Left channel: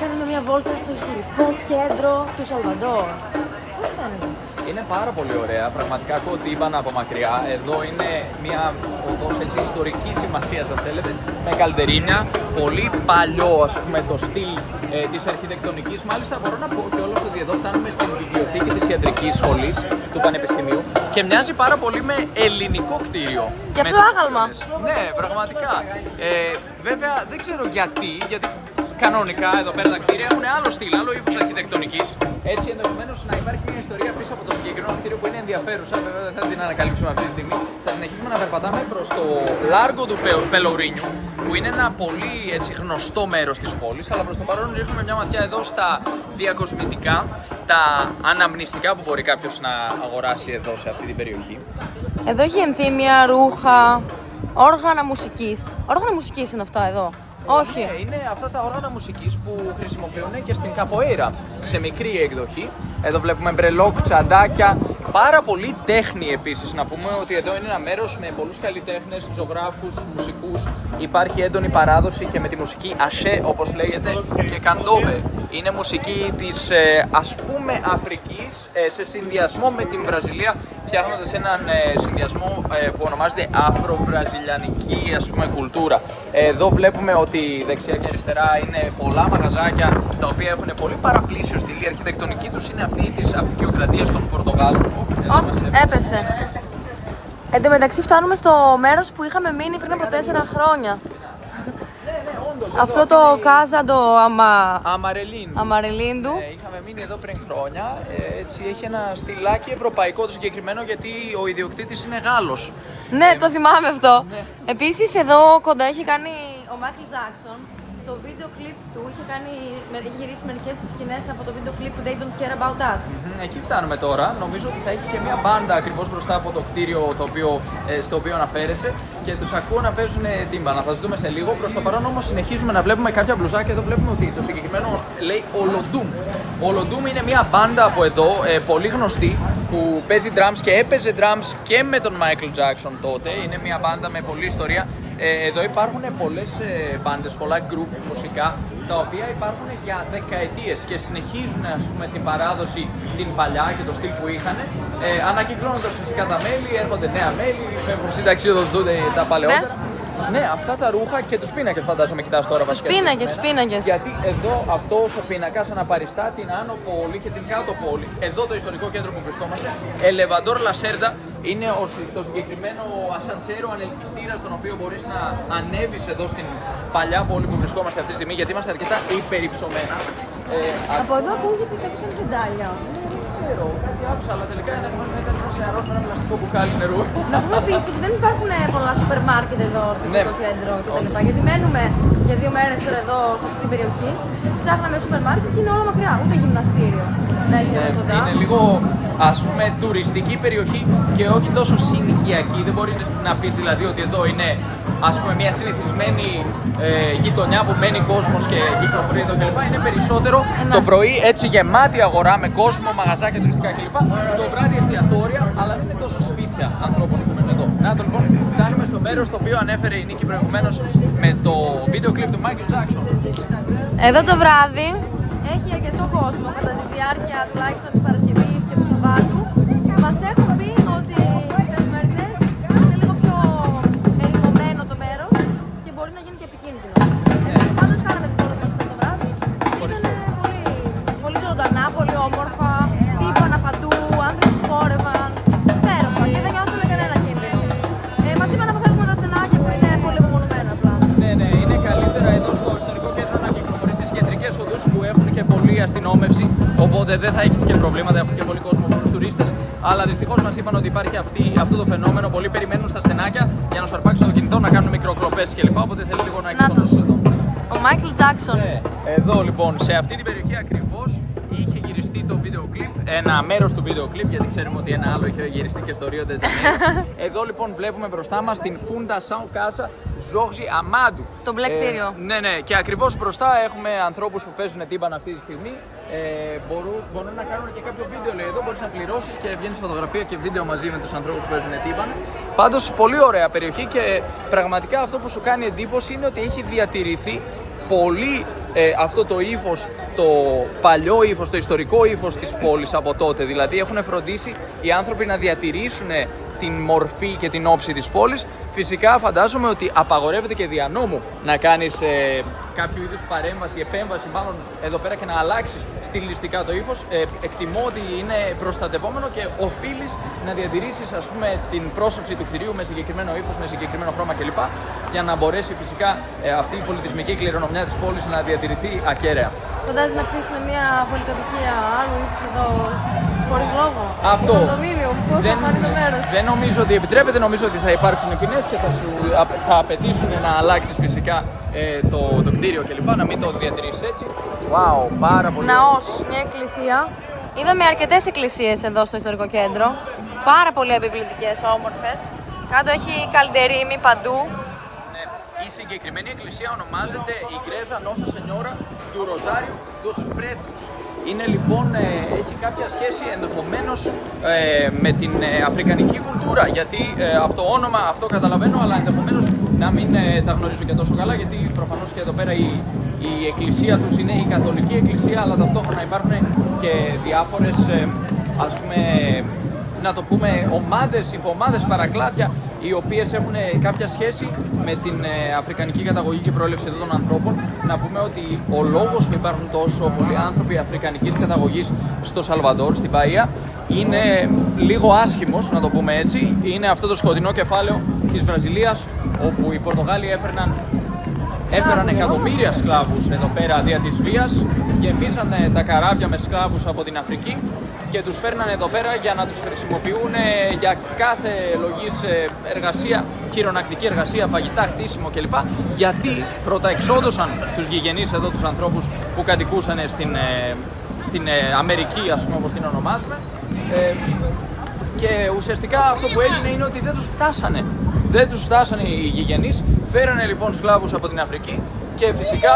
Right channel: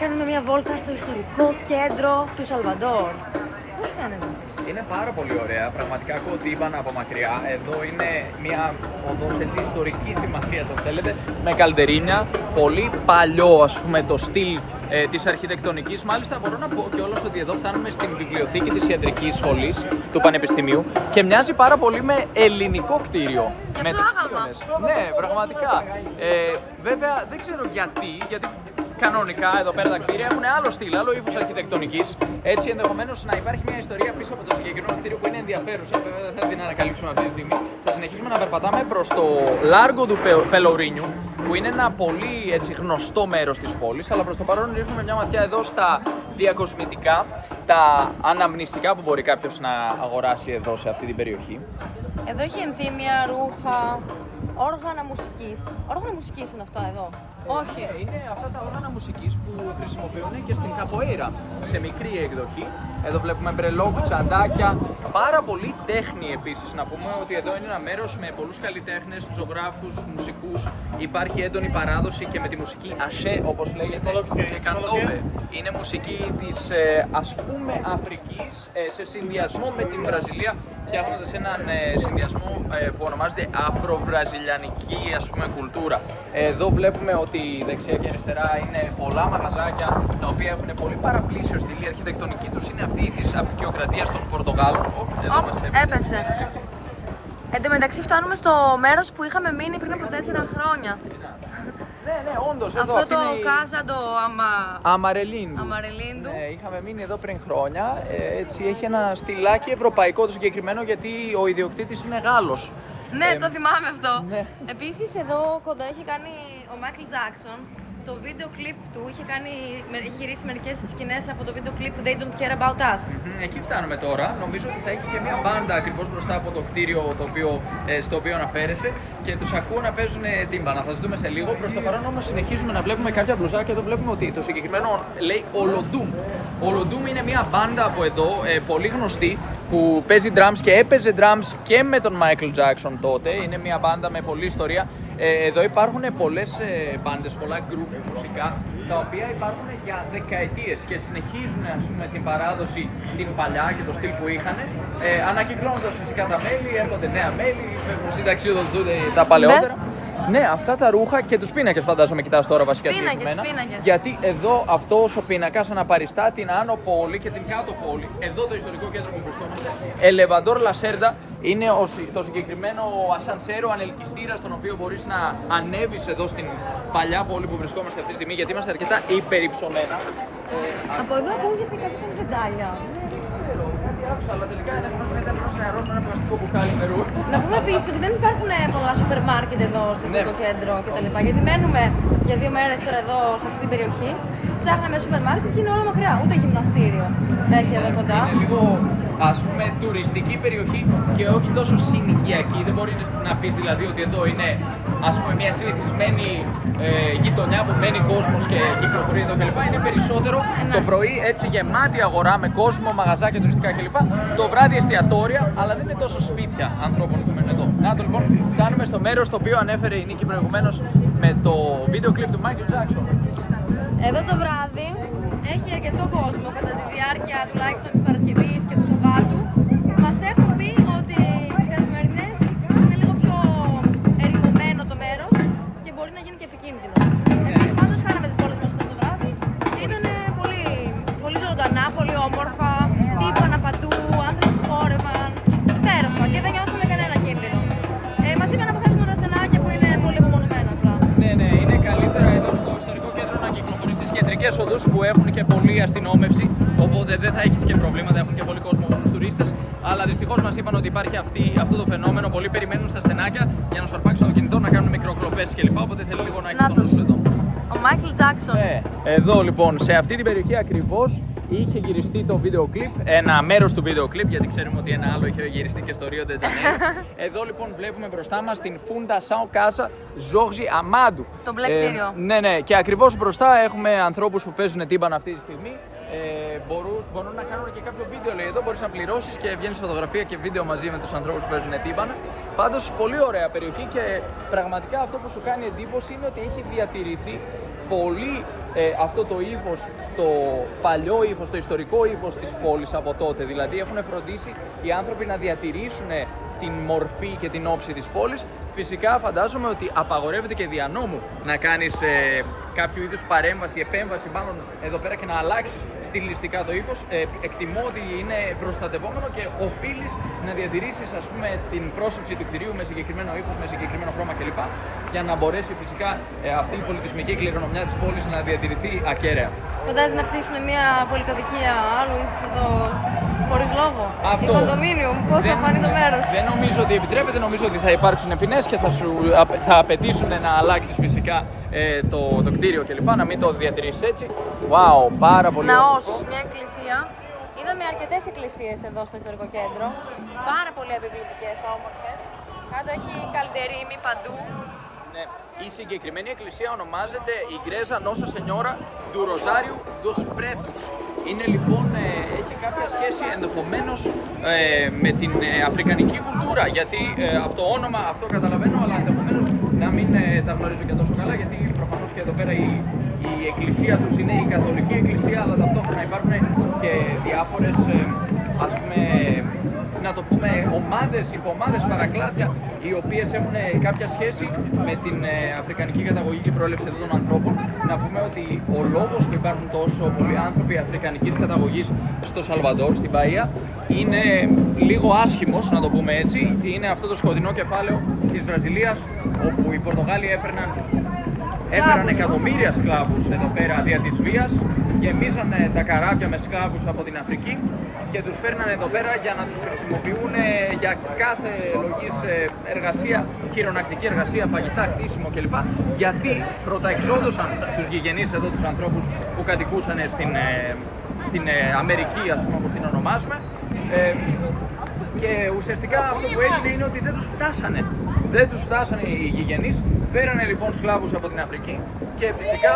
Κάνουμε μια βόλτα στο ιστορικό κέντρο του Σαλβαντόρ. Πώς φαίνεται? Είναι πάρα πολύ ωραία. Πραγματικά ακούω τύμπανα από μακριά. Εδώ είναι μια οδός έτσι ιστορικής σημασίας, αν θέλετε, με καλντερίνια. Πολύ παλιό, ας πούμε, το στυλ της αρχιτεκτονικής. Μάλιστα, μπορώ να πω κιόλας ότι εδώ φτάνουμε στην βιβλιοθήκη της Ιατρικής Σχολής του Πανεπιστημίου και μοιάζει πάρα πολύ με ελληνικό κτίριο. Και αυτό άγαλμα. Ναι, πραγματικά. Βέβαια, δεν ξέρω γιατί κανονικά εδώ πέρα τα κτίρια έχουν άλλο στυλ, άλλο ύφος αρχιτεκτονικής. Έτσι, ενδεχομένως να υπάρχει μια ιστορία πίσω από το συγκεκριμένο κτίριο που είναι ενδιαφέρουσα. Βέβαια, δεν θα την ανακαλύψουμε αυτή τη στιγμή. Θα συνεχίσουμε να περπατάμε προς το Λάργο του Πελορίνιου, που είναι ένα πολύ έτσι, γνωστό μέρος της πόλης. Αλλά προς το παρόν ρίχνουμε μια ματιά εδώ στα διακοσμητικά, τα αναμνηστικά που μπορεί κάποιος να αγοράσει εδώ σε αυτή την περιοχή. Εδώ έχει ενθύμια, ρούχα, όργανα μουσικής. Όργανα μουσικής είναι αυτά εδώ? Όχι. Είναι αυτά τα όργανα μουσικής που χρησιμοποιούν και στην καποέιρα σε μικρή εκδοχή. Εδώ βλέπουμε μπρελόκ, τσαντάκια, πάρα πολύ τέχνη επίσης. Να πούμε ότι εδώ είναι ένα μέρος με πολλούς καλλιτέχνες, ζωγράφους, μουσικούς. Υπάρχει έντονη παράδοση και με τη μουσική ασέ, όπως λέγεται, και καντόβε. Είναι μουσική της ας πούμε Αφρικής σε συνδυασμό με την Βραζιλία, φτιάχνοντας έναν συνδυασμό που ονομάζεται αφροβραζιλιανική ας πούμε κουλτούρα. Εδώ βλέπουμε ότι δεξιά και αριστερά είναι πολλά μαγαζάκια τα οποία έχουν πολύ παραπλήσιο στυλ. Η αρχιτεκτονική τους είναι αυτή της απικιοκρατίας των Πορτογάλων. Έπεσε. Εν τω μεταξύ φτάνουμε στο μέρος που είχαμε μείνει πριν από 4 χρόνια. Ναι, όντως. Αυτό το Κάζαντο Αμαρελίντου. Είχαμε μείνει εδώ πριν χρόνια. Έτσι έχει ένα στυλάκι ευρωπαϊκό το συγκεκριμένο γιατί ο ιδιοκτήτης είναι Γάλλος. Ναι, το θυμάμαι αυτό. Ναι. Επίσης εδώ κοντά έχει κάνει ο Μάικλ Τζάκσον το βίντεο κλιπ του. Έχει γυρίσει μερικές σκηνές από το βίντεο κλιπ They Don't Care About Us. Εκεί φτάνουμε τώρα. Νομίζω ότι θα έχει και μια μπάντα ακριβώς μπροστά από το κτίριο στο οποίο αναφέρεσαι και τους ακούω να παίζουν τύμπανα. Θα τους δούμε σε λίγο. Προς το παρόν όμως συνεχίζουμε να βλέπουμε κάποια μπλουζάκια. Εδώ βλέπουμε ότι το συγκεκριμένο λέει Ολοντούμ. Ολοντούμ είναι μια μπάντα από εδώ, πολύ γνωστή, που παίζει drums και έπαιζε drums και με τον Michael Jackson τότε. Είναι μια μπάντα με πολλή ιστορία. Εδώ υπάρχουν πολλές μπάντες, πολλά group μουσικά, τα οποία υπάρχουν για δεκαετίες και συνεχίζουν ας πούμε, την παράδοση την παλιά και το στυλ που είχαν. Ανακυκλώνοντας φυσικά τα μέλη, έρχονται νέα μέλη, φεύγουν συνταξιοδοτούνται τα παλαιότερα. Ναι, αυτά τα ρούχα και τους πίνακες φαντάζομαι κοιτάς τώρα βασικά. Τους πίνακες. Γιατί εδώ αυτός ο πίνακας αναπαριστά την Άνω Πόλη και την Κάτω Πόλη. Εδώ το ιστορικό κέντρο που βρισκόμαστε. Ελεβαντόρ Λασέρντα είναι το συγκεκριμένο ασανσέρο ανελκυστήρας τον οποίο μπορείς να ανέβεις εδώ στην παλιά πόλη που βρισκόμαστε αυτή τη στιγμή γιατί είμαστε αρκετά υπερυψωμένα. Από εδώ ακούγεται κάτι σαν βεντάλια. Δεν ξέρω, κάτι άκουσα, αλλά τελικά ενδεχομένως να ήταν ένας νεαρός με ένα πλαστικό μπουκάλι νερού. Να πούμε επίσης ότι δεν υπάρχουν πολλά σούπερ μάρκετ εδώ στο ιστορικό κέντρο κτλ. Γιατί μένουμε για 2 μέρες τώρα εδώ σε αυτή την περιοχή. Ψάχναμε σούπερ μάρκετ και είναι όλα μακριά. Ούτε γυμναστήριο να έχει εδώ κοντά. Είναι λίγο ας πούμε τουριστική περιοχή και όχι τόσο συνοικιακή. Δεν μπορεί να πεις δηλαδή ότι εδώ είναι ας πούμε μια συνηθισμένη γειτονιά που μένει κόσμος και κυκλοφορεί εδώ κλπ. Είναι περισσότερο το πρωί έτσι γεμάτη αγορά με κόσμο, μαγαζάκια, τουριστικά κλπ. Το βράδυ εστιατόρια, αλλά δεν είναι τόσο σπίτια ανθρώπων που μένουν εδώ. Να το λοιπόν, φτάνουμε στο μέρος το οποίο ανέφερε η Νίκη προηγουμένως με το βίντεο κλιπ του Michael Jackson. Εδώ το βράδυ έχει αρκετό κόσμο κατά τη διάρκεια τουλάχιστον της Παρασκευής και του Σαββάτου. Μας έχουν πει ότι τις καθημερινές είναι λίγο πιο ερημωμένο το μέρος και μπορεί να γίνει και επικίνδυνο. Εμείς πάντως κάναμε τις βόλτες μας το βράδυ. Ήταν πολύ, πολύ ζωντανά, πολύ όμορφα, τύπανα παντού, άνθρωποι που χόρευαν, υπέροχα και δεν νιώσαμε κανένα κίνδυνο. Μας είπαν να αποφεύγουμε τα στενάκια που είναι πολύ απομονωμένα απλά. Ναι, είναι καλύτερα εδώ στο ιστορικό κέντρο να κυκλοφορείς στις κεντρικές οδούς που έχουν και πολλή αστυνόμευση. Οπότε δεν θα έχεις και προβλήματα, έχουν και πολύ κόσμο, πολλούς τουρίστες. Αλλά δυστυχώς μας είπαν ότι υπάρχει αυτό το φαινόμενο. Πολλοί περιμένουν στα στενάκια για να σου αρπάξουν το κινητό, να κάνουν μικροκλοπές κλπ. Οπότε θέλει λίγο να εξομοιωθούν εδώ. Ο Μάικλ Τζάκσον. Ναι, εδώ λοιπόν, σε αυτή την περιοχή ακριβώς είχε γυριστεί το βίντεο κλιπ, ένα μέρος του βίντεο κλιπ, γιατί ξέρουμε ότι ένα άλλο είχε γυριστεί και στο Rio de Janeiro. Εδώ λοιπόν βλέπουμε μπροστά μας την Funda Sao Casa Jorge Amado. Το μπλε κτίριο. Ναι, και ακριβώς μπροστά έχουμε ανθρώπους που παίζουν τύμπανο αυτή τη στιγμή. Μπορούν να κάνουν και κάποιο βίντεο, λέει εδώ. Μπορείς να πληρώσεις και βγαίνεις φωτογραφία και βίντεο μαζί με τους ανθρώπους που παίζουν τύμπανο. Πάντως, πολύ ωραία περιοχή και πραγματικά αυτό που σου κάνει εντύπωση είναι ότι έχει διατηρηθεί πολύ αυτό το ύφος, το παλιό ύφος, το ιστορικό ύφος της πόλης από τότε. Δηλαδή έχουν φροντίσει οι άνθρωποι να διατηρήσουν την μορφή και την όψη της πόλης. Φυσικά φαντάζομαι ότι απαγορεύεται και δια νόμου να κάνεις κάποιο είδους παρέμβαση, επέμβαση μάλλον εδώ πέρα και να αλλάξεις στιλιστικά το ύφος. Εκτιμώ ότι είναι προστατευόμενο και οφείλεις να διατηρήσεις, ας πούμε, την πρόσωψη του κτηρίου με συγκεκριμένο ύφος, με συγκεκριμένο χρώμα κλπ. Για να μπορέσει φυσικά αυτή η πολιτισμική κληρονομιά της πόλης να διατηρηθεί ακέραια. Φαντάζεσαι να χτίσουν μια πολυκατοικία άλλου ύφους εδώ χωρίς λόγο? Αυτό. Η κοντομίνιουμ, πώς θα φανεί το μέρος? Δεν νομίζω ότι επιτρέπεται, νομίζω ότι θα υπάρξουν ποινές και θα απαιτήσουν να αλλάξεις φυσικά το κτίριο κλπ. Να μην το διατηρήσεις έτσι. Wow, πάρα πολύ. Ναός, μια εκκλησία. Είδαμε αρκετές εκκλησίες εδώ στο ιστορικό κέντρο. Πάρα πολύ επιβλητικές, όμορφες. Κάτω έχει καλντερίμι παντού. Η συγκεκριμένη εκκλησία ονομάζεται Igreja Nossa Senhora do Rosário dos Pretos. Είναι λοιπόν, έχει κάποια σχέση ενδεχομένως με την αφρικανική κουλτούρα, γιατί από το όνομα αυτό καταλαβαίνω, αλλά ενδεχομένως να μην τα γνωρίζω και τόσο καλά, γιατί προφανώς και εδώ πέρα η εκκλησία τους είναι η καθολική εκκλησία, αλλά ταυτόχρονα υπάρχουν και διάφορες, ας πούμε, να το πούμε, ομάδες, υποομάδες, παρακλάδια, οι οποίες έχουν κάποια σχέση με την αφρικανική καταγωγή και προέλευση εδώ των ανθρώπων. Να πούμε ότι ο λόγος που υπάρχουν τόσο πολλοί άνθρωποι αφρικανικής καταγωγής στο Σαλβαντόρ, στην Μπαΐα, είναι λίγο άσχημος, να το πούμε έτσι. Είναι αυτό το σκοτεινό κεφάλαιο της Βραζιλίας, όπου οι Πορτογάλοι έφεραν εκατομμύρια σκλάβους εδώ πέρα δια της βίας, γεμίζαν τα καράβια με σκλάβους από την Αφρική και τους φέρναν εδώ πέρα για να τους χρησιμοποιούν για κάθε λογής εργασία, χειρονακτική εργασία, φαγητά, χτίσιμο κλπ. Γιατί πρωταεξόδωσαν τους γηγενείς εδώ, τους ανθρώπους που κατοικούσαν στην Αμερική, ας πούμε, όπως την ονομάζουμε. Και ουσιαστικά αυτό που έγινε είναι ότι δεν τους φτάσανε. Δεν τους φτάσανε οι γηγενείς, φέρανε λοιπόν σκλάβους από την Αφρική και φυσικά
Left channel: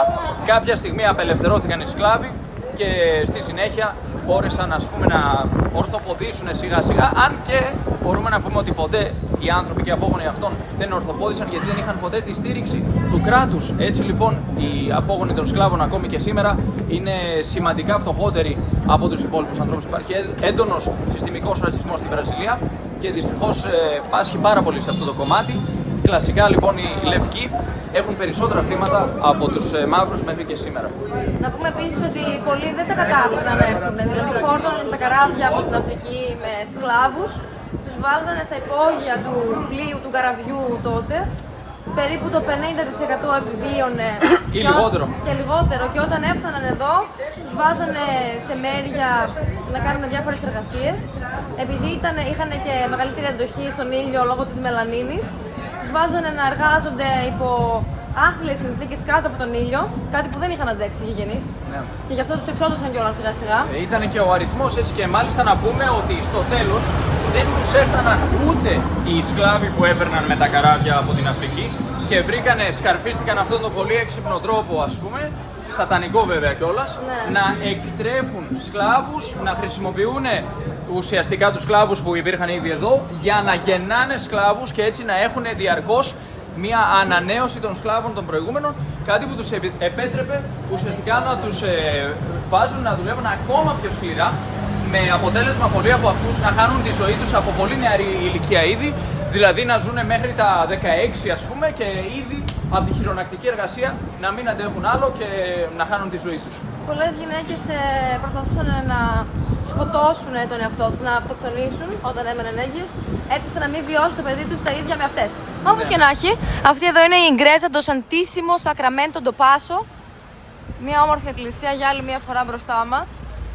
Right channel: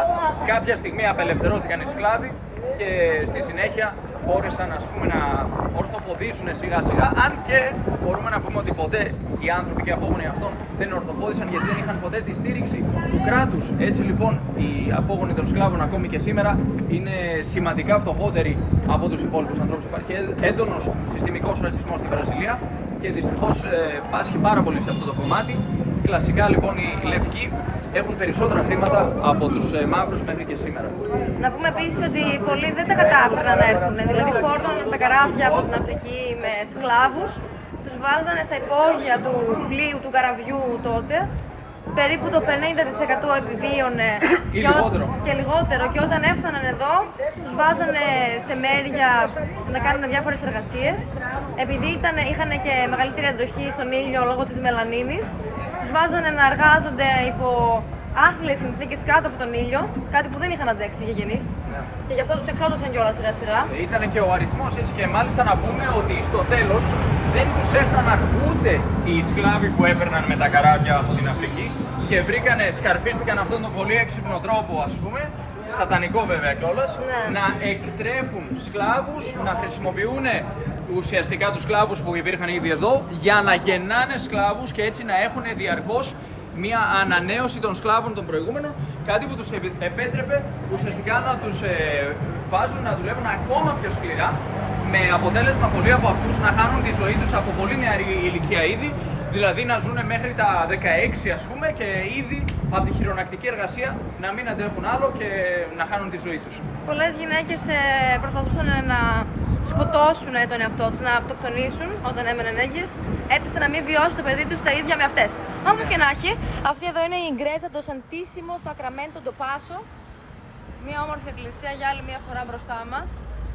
κάποια στιγμή απελευθερώθηκαν οι σκλάβοι και στη συνέχεια μπόρεσαν, ας πούμε, να ορθοποδήσουν σιγά σιγά, αν και μπορούμε να πούμε ότι ποτέ οι άνθρωποι και οι απόγονοι αυτών δεν ορθοπόδησαν γιατί δεν είχαν ποτέ τη στήριξη του κράτους. Έτσι λοιπόν οι απόγονοι των σκλάβων ακόμη και σήμερα είναι σημαντικά φτωχότεροι από τους υπόλοιπους ανθρώπους. Υπάρχει έντονος συστημικός ρατσισμός στη Βραζιλία και δυστυχώς πάσχει πάρα πολύ σε αυτό το κομμάτι. Κλασικά λοιπόν οι λευκοί έχουν περισσότερα χρήματα από τους μαύρους μέχρι και σήμερα. Να πούμε επίσης ότι πολλοί δεν τα κατάφεραν να έρθουν. Δηλαδή φόρτωναν τα καράβια από την Αφρική με σκλάβους, τους βάζανε στα υπόγεια του πλοίου του καραβιού τότε. Περίπου το 50% επιβίωνε και λιγότερο. Και όταν έφταναν εδώ, τους βάζανε σε μέρια να κάνουν διάφορες εργασίες. Επειδή είχαν και μεγαλύτερη αντοχή στον ήλιο λόγω της μελανίνης, τους βάζανε να εργάζονται υπό άθλιες συνθήκες κάτω από τον ήλιο, κάτι που δεν είχαν αντέξει οι γηγενείς. Και γι' αυτό τους εξόντωσαν κιόλας σιγά σιγά. Ήταν και ο αριθμός έτσι, και μάλιστα να πούμε ότι στο τέλος δεν τους έφταναν ούτε οι σκλάβοι που έπαιρναν με τα καράβια από την Αφρική και σκαρφίστηκαν αυτόν τον πολύ έξυπνο τρόπο, ας πούμε, σατανικό βέβαια κιόλας, να εκτρέφουν σκλάβους, να χρησιμοποιούν ουσιαστικά τους σκλάβους που υπήρχαν ήδη εδώ για να γεννάνε σκλάβους και έτσι να έχουν διαρκώς μια ανανέωση των σκλάβων των προηγούμενων, κάτι που τους επέτρεπε ουσιαστικά να τους βάζουν να δουλεύουν ακόμα πιο σκληρά, με αποτέλεσμα πολλοί από αυτούς να χάνουν τη ζωή τους από πολύ νεαρή ηλικία ήδη, δηλαδή να ζουν μέχρι τα 16 ας πούμε και ήδη από τη χειρονακτική εργασία να μην αντέχουν άλλο και να χάνουν τη ζωή τους. Πολλές γυναίκες προσπαθούσαν να σκοτώσουν τον εαυτό τους, να αυτοκτονήσουν όταν έμεναν έγκυες, έτσι ώστε να μην βιώσει το παιδί τους τα ίδια με αυτές. Όπως και να έχει, αυτή εδώ είναι η Igreja do Santíssimo Sacramento do Passo, μια όμορφη εκκλησία για άλλη μια φορά μπροστά μας.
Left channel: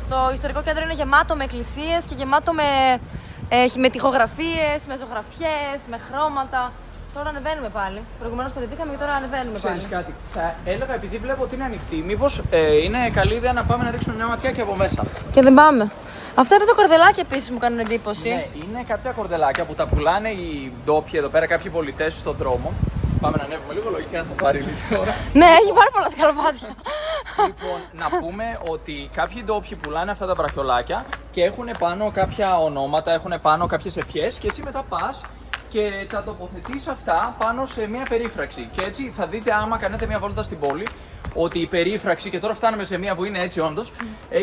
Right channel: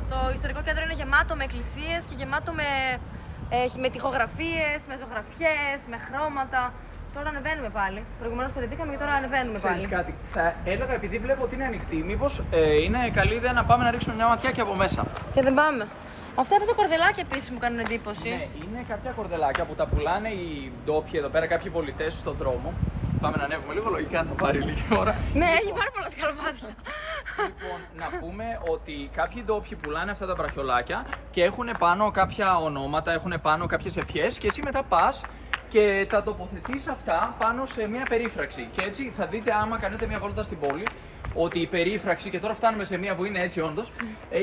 Το ιστορικό κέντρο είναι γεμάτο με εκκλησίες και γεμάτο με τοιχογραφίες, με ζωγραφιές, με χρώματα. Τώρα ανεβαίνουμε πάλι. Προηγουμένως κατεβήκαμε και τώρα ανεβαίνουμε πάλι. Ξέρεις κάτι, θα έλεγα επειδή βλέπω ότι είναι ανοιχτή, μήπως είναι καλή ιδέα να πάμε να ρίξουμε μια ματιά και από μέσα. Και δεν πάμε. Αυτά είναι τα κορδελάκια επίσης μου κάνουν εντύπωση. Ναι, είναι κάποια κορδελάκια που τα πουλάνε οι ντόπιοι εδώ πέρα, κάποιοι πολιτές στον δρόμο. Πάμε να ανέβουμε λίγο, λογικά θα πάρει λίγη ώρα. Ναι, έχει πάρα πολλά σκαλπάτια. Λοιπόν, να πούμε ότι κάποιοι ντόπιοι πουλάνε αυτά τα βραχιολάκια και έχουν πάνω κάποια ονόματα, έχουν πάνω κάποιες ευχές και εσύ μετά πας και τα τοποθετείς αυτά πάνω σε μια περίφραξη. Και έτσι θα δείτε, άμα κάνετε μια βόλτα στην πόλη, ότι η περίφραξη, και τώρα φτάνουμε σε μία που είναι έτσι όντως,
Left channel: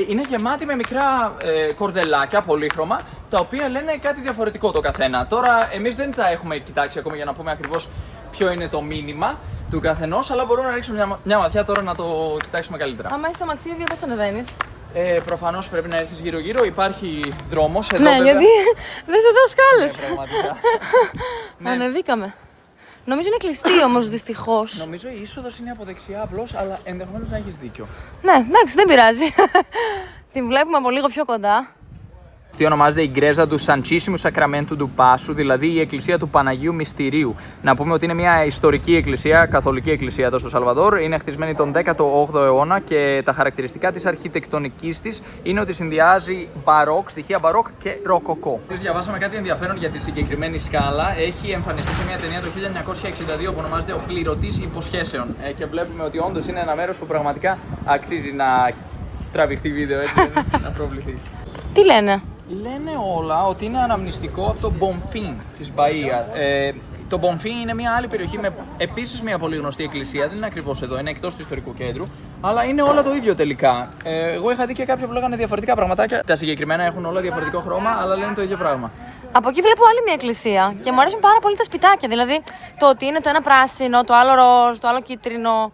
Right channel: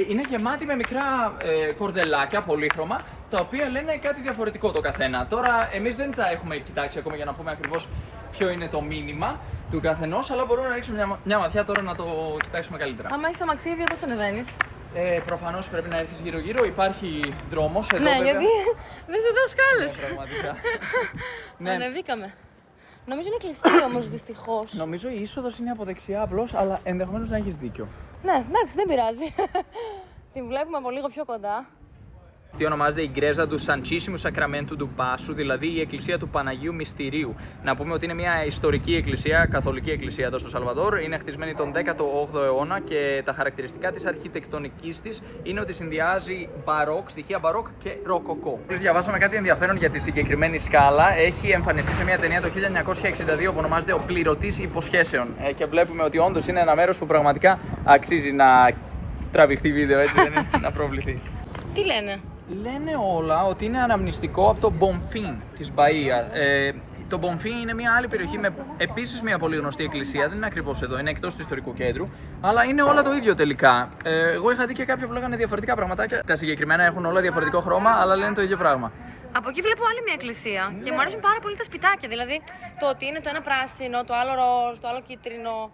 είναι γεμάτη με μικρά κορδελάκια πολύχρωμα, τα οποία λένε κάτι διαφορετικό το καθένα. Τώρα, εμείς δεν τα έχουμε κοιτάξει ακόμα για να πούμε ακριβώς ποιο είναι το μήνυμα του καθενός, αλλά μπορούμε να ρίξουμε μια ματιά τώρα να το κοιτάξουμε καλύτερα. Άμα έχεις αμαξίδιο, πώς ανεβαίνεις? Προφανώς πρέπει να έρθεις γύρω-γύρω, υπάρχει δρόμος. Εδώ, Ναι, βέβαια, γιατί δεν σε δω σκάλες. πραγματικά. Ναι. Ανεβήκαμε. Νομίζω είναι κλειστή όμως, δυστυχώς. Νομίζω η είσοδος είναι από δεξιά απλώς, αλλά ενδεχομένως να έχεις δίκιο. Ναι, εντάξει, δεν πειράζει. Την βλέπουμε από λίγο πιο κοντά. Αυτή ονομάζεται η γκρέζα του Σαντσίσιμου Σακραμέντου του Πάσου, δηλαδή η εκκλησία του Παναγίου Μυστηρίου. Να πούμε ότι είναι μια ιστορική εκκλησία, καθολική εκκλησία εδώ στο Σαλβαδόρ. Είναι χτισμένη τον 18ο αιώνα και τα χαρακτηριστικά της αρχιτεκτονικής της είναι ότι συνδυάζει μπαρόκ, στοιχεία μπαρόκ και ροκοκό. Διαβάσαμε κάτι ενδιαφέρον για τη συγκεκριμένη σκάλα. Έχει εμφανιστεί σε μια ταινία το 1962 που ονομάζεται Ο Πληρωτής Υποσχέσεων. Και βλέπουμε ότι όντως είναι ένα μέρος που πραγματικά αξίζει να τραβηχτεί βίντεο, έτσι δεν είναι, να προβληθεί. Τι λένε? Λένε όλα ότι είναι αναμνηστικό από το Bonfim της Μπαΐα. Το Bonfim είναι μια άλλη περιοχή με επίσης μια πολύ γνωστή εκκλησία, δεν είναι ακριβώς εδώ, είναι εκτός του ιστορικού κέντρου, αλλά είναι όλα το ίδιο τελικά. Εγώ είχα δει και κάποια που λέγανε διαφορετικά πραγματάκια. Τα συγκεκριμένα έχουν όλα διαφορετικό χρώμα, αλλά λένε το ίδιο πράγμα. Από εκεί βλέπω άλλη μια εκκλησία και μου αρέσουν πάρα πολύ τα σπιτάκια. Δηλαδή το ότι είναι το ένα πράσινο, το άλλο ροζ, το άλλο κίτρινο.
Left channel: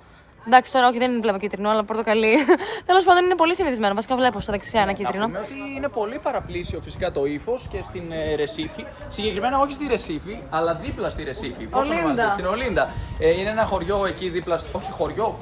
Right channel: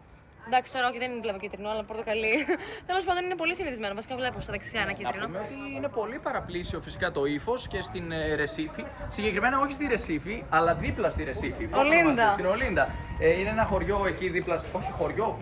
Εντάξει, τώρα όχι, δεν βλέπω κίτρινο, αλλά πορτοκαλί. Τέλος πάντων, είναι πολύ συνηθισμένο. Βασικά, βλέπω στα δεξιά ένα κίτρινο. Να πούμε ότι είναι πολύ παραπλήσιο φυσικά το ύφος και στην Ρεσίφη. Συγκεκριμένα όχι στη Ρεσίφη, αλλά δίπλα στη Ρεσίφη. Πώς ονομάζεται? Στην Ολίντα. Είναι ένα χωριό εκεί δίπλα. Όχι χωριό,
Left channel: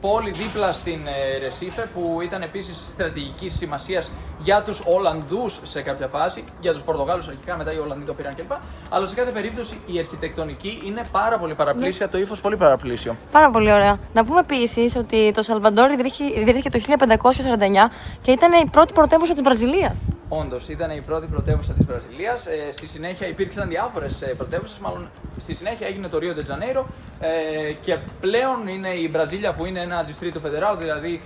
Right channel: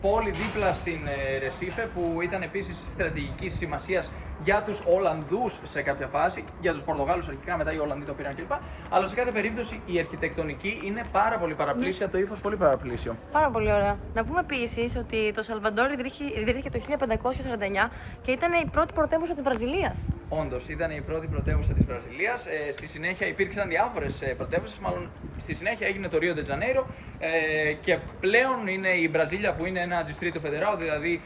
πόλη δίπλα στην Ρεσίφε, που ήταν επίσης στρατηγικής σημασίας για τους Ολλανδούς σε κάποια φάση, για τους Πορτογάλους αρχικά, μετά οι Ολλανδοί το πήραν κλπ. Αλλά σε κάθε περίπτωση η αρχιτεκτονική είναι πάρα πολύ παραπλήσια, το ύφος πολύ παραπλήσιο. Πάρα πολύ ωραία. Να πούμε επίσης ότι το Σαλβαντόρ ιδρύθηκε το 1549 και ήταν η πρώτη πρωτεύουσα της Βραζιλίας. Όντως, ήταν η πρώτη πρωτεύουσα της Βραζιλίας. Στη συνέχεια υπήρξαν διάφορες πρωτεύουσες, μάλλον στη συνέχεια έγινε το Ρίο ντε Τζανέιρο και πλέον είναι η Βραζίλια που είναι ένα Distrito Federal, δηλαδή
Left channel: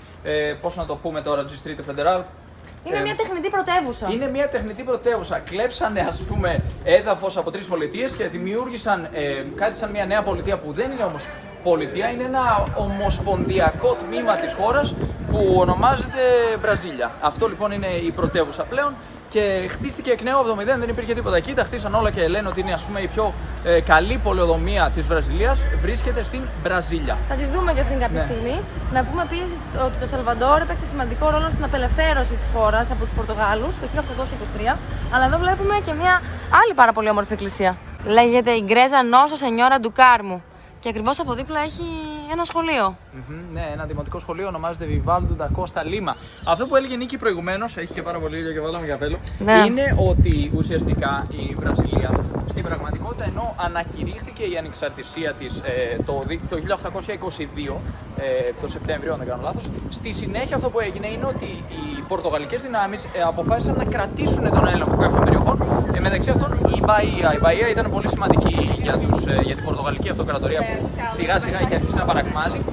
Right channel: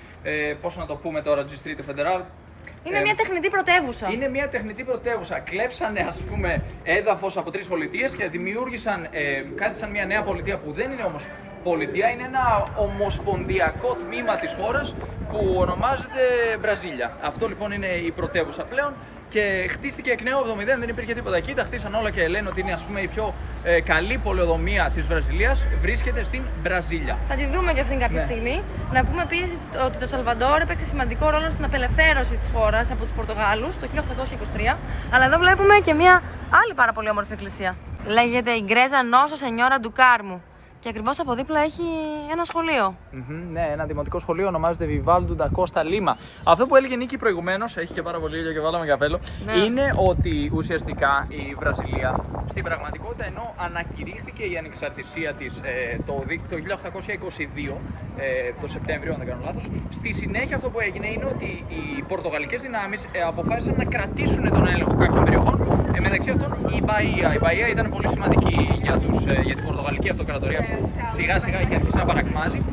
πώς να το πούμε τώρα, Distrito Federal. Είναι μια τεχνητή πρωτεύουσα. Είναι μια τεχνητή πρωτεύουσα. Κλέψανε, ας πούμε, έδαφος από 3 πολιτείες και δημιούργησαν κάτι σαν μια νέα πολιτεία που δεν είναι όμως πολιτεία, είναι ένα ομοσπονδιακό τμήμα της χώρας που ονομάζεται Βραζίλια. Αυτό λοιπόν είναι η πρωτεύουσα πλέον και χτίστηκε εκ νέου από το 0, δεν υπήρχε τίποτα εκεί. Τα χτίσαν όλα και λένε ότι είναι, ας πούμε, η πιο καλή πολεοδομία της Βραζιλίας. Βρίσκεται στην Βραζίλια. Θα τη δούμε και αυτήν κάποια στιγμή. Να πούμε επίσης ότι το Σαλβαντόρ έπαιξε σημαντικό ρόλο στην απελευθέρωση της χώρας από τους Πορτογάλους το 1823. Αλλά εδώ βλέπουμε και μια άλλη πάρα πολύ όμορφη εκκλησία. Λέγεται η Γκρέζα Νόσα Σενιόρα του Κάρμου. Και ακριβώς από δίπλα έχει ένα σχολείο. Ναι, ένα δημοτικό σχολείο ονομάζεται Vivaldo da Costa Lima. Αυτό που έλεγε Νίκη προηγουμένως, έχει και πάρα πολύ ήλιο και βάλαμε καπέλο, είναι ότι ουσιαστικά η Βραζιλία στην πραγματικότητα, ενώ ανακηρύχθηκε η ανεξαρτησία της το 1822, το Σεπτέμβριο, αν δεν κάνω λάθος, στη συνέχεια αυτό που έγινε είναι ότι οι πορτογαλικές δυνάμεις αποφάσισαν να κρατήσουν τον έλεγχο κάποιων περιοχών. Μεταξύ αυτών η Μπαΐα. Η Μπαΐα ήταν πολύ σημαντική για την πορτογαλική αυτοκρατορία που σιγά σιγά είχε αρχίσει να παρακμάζει.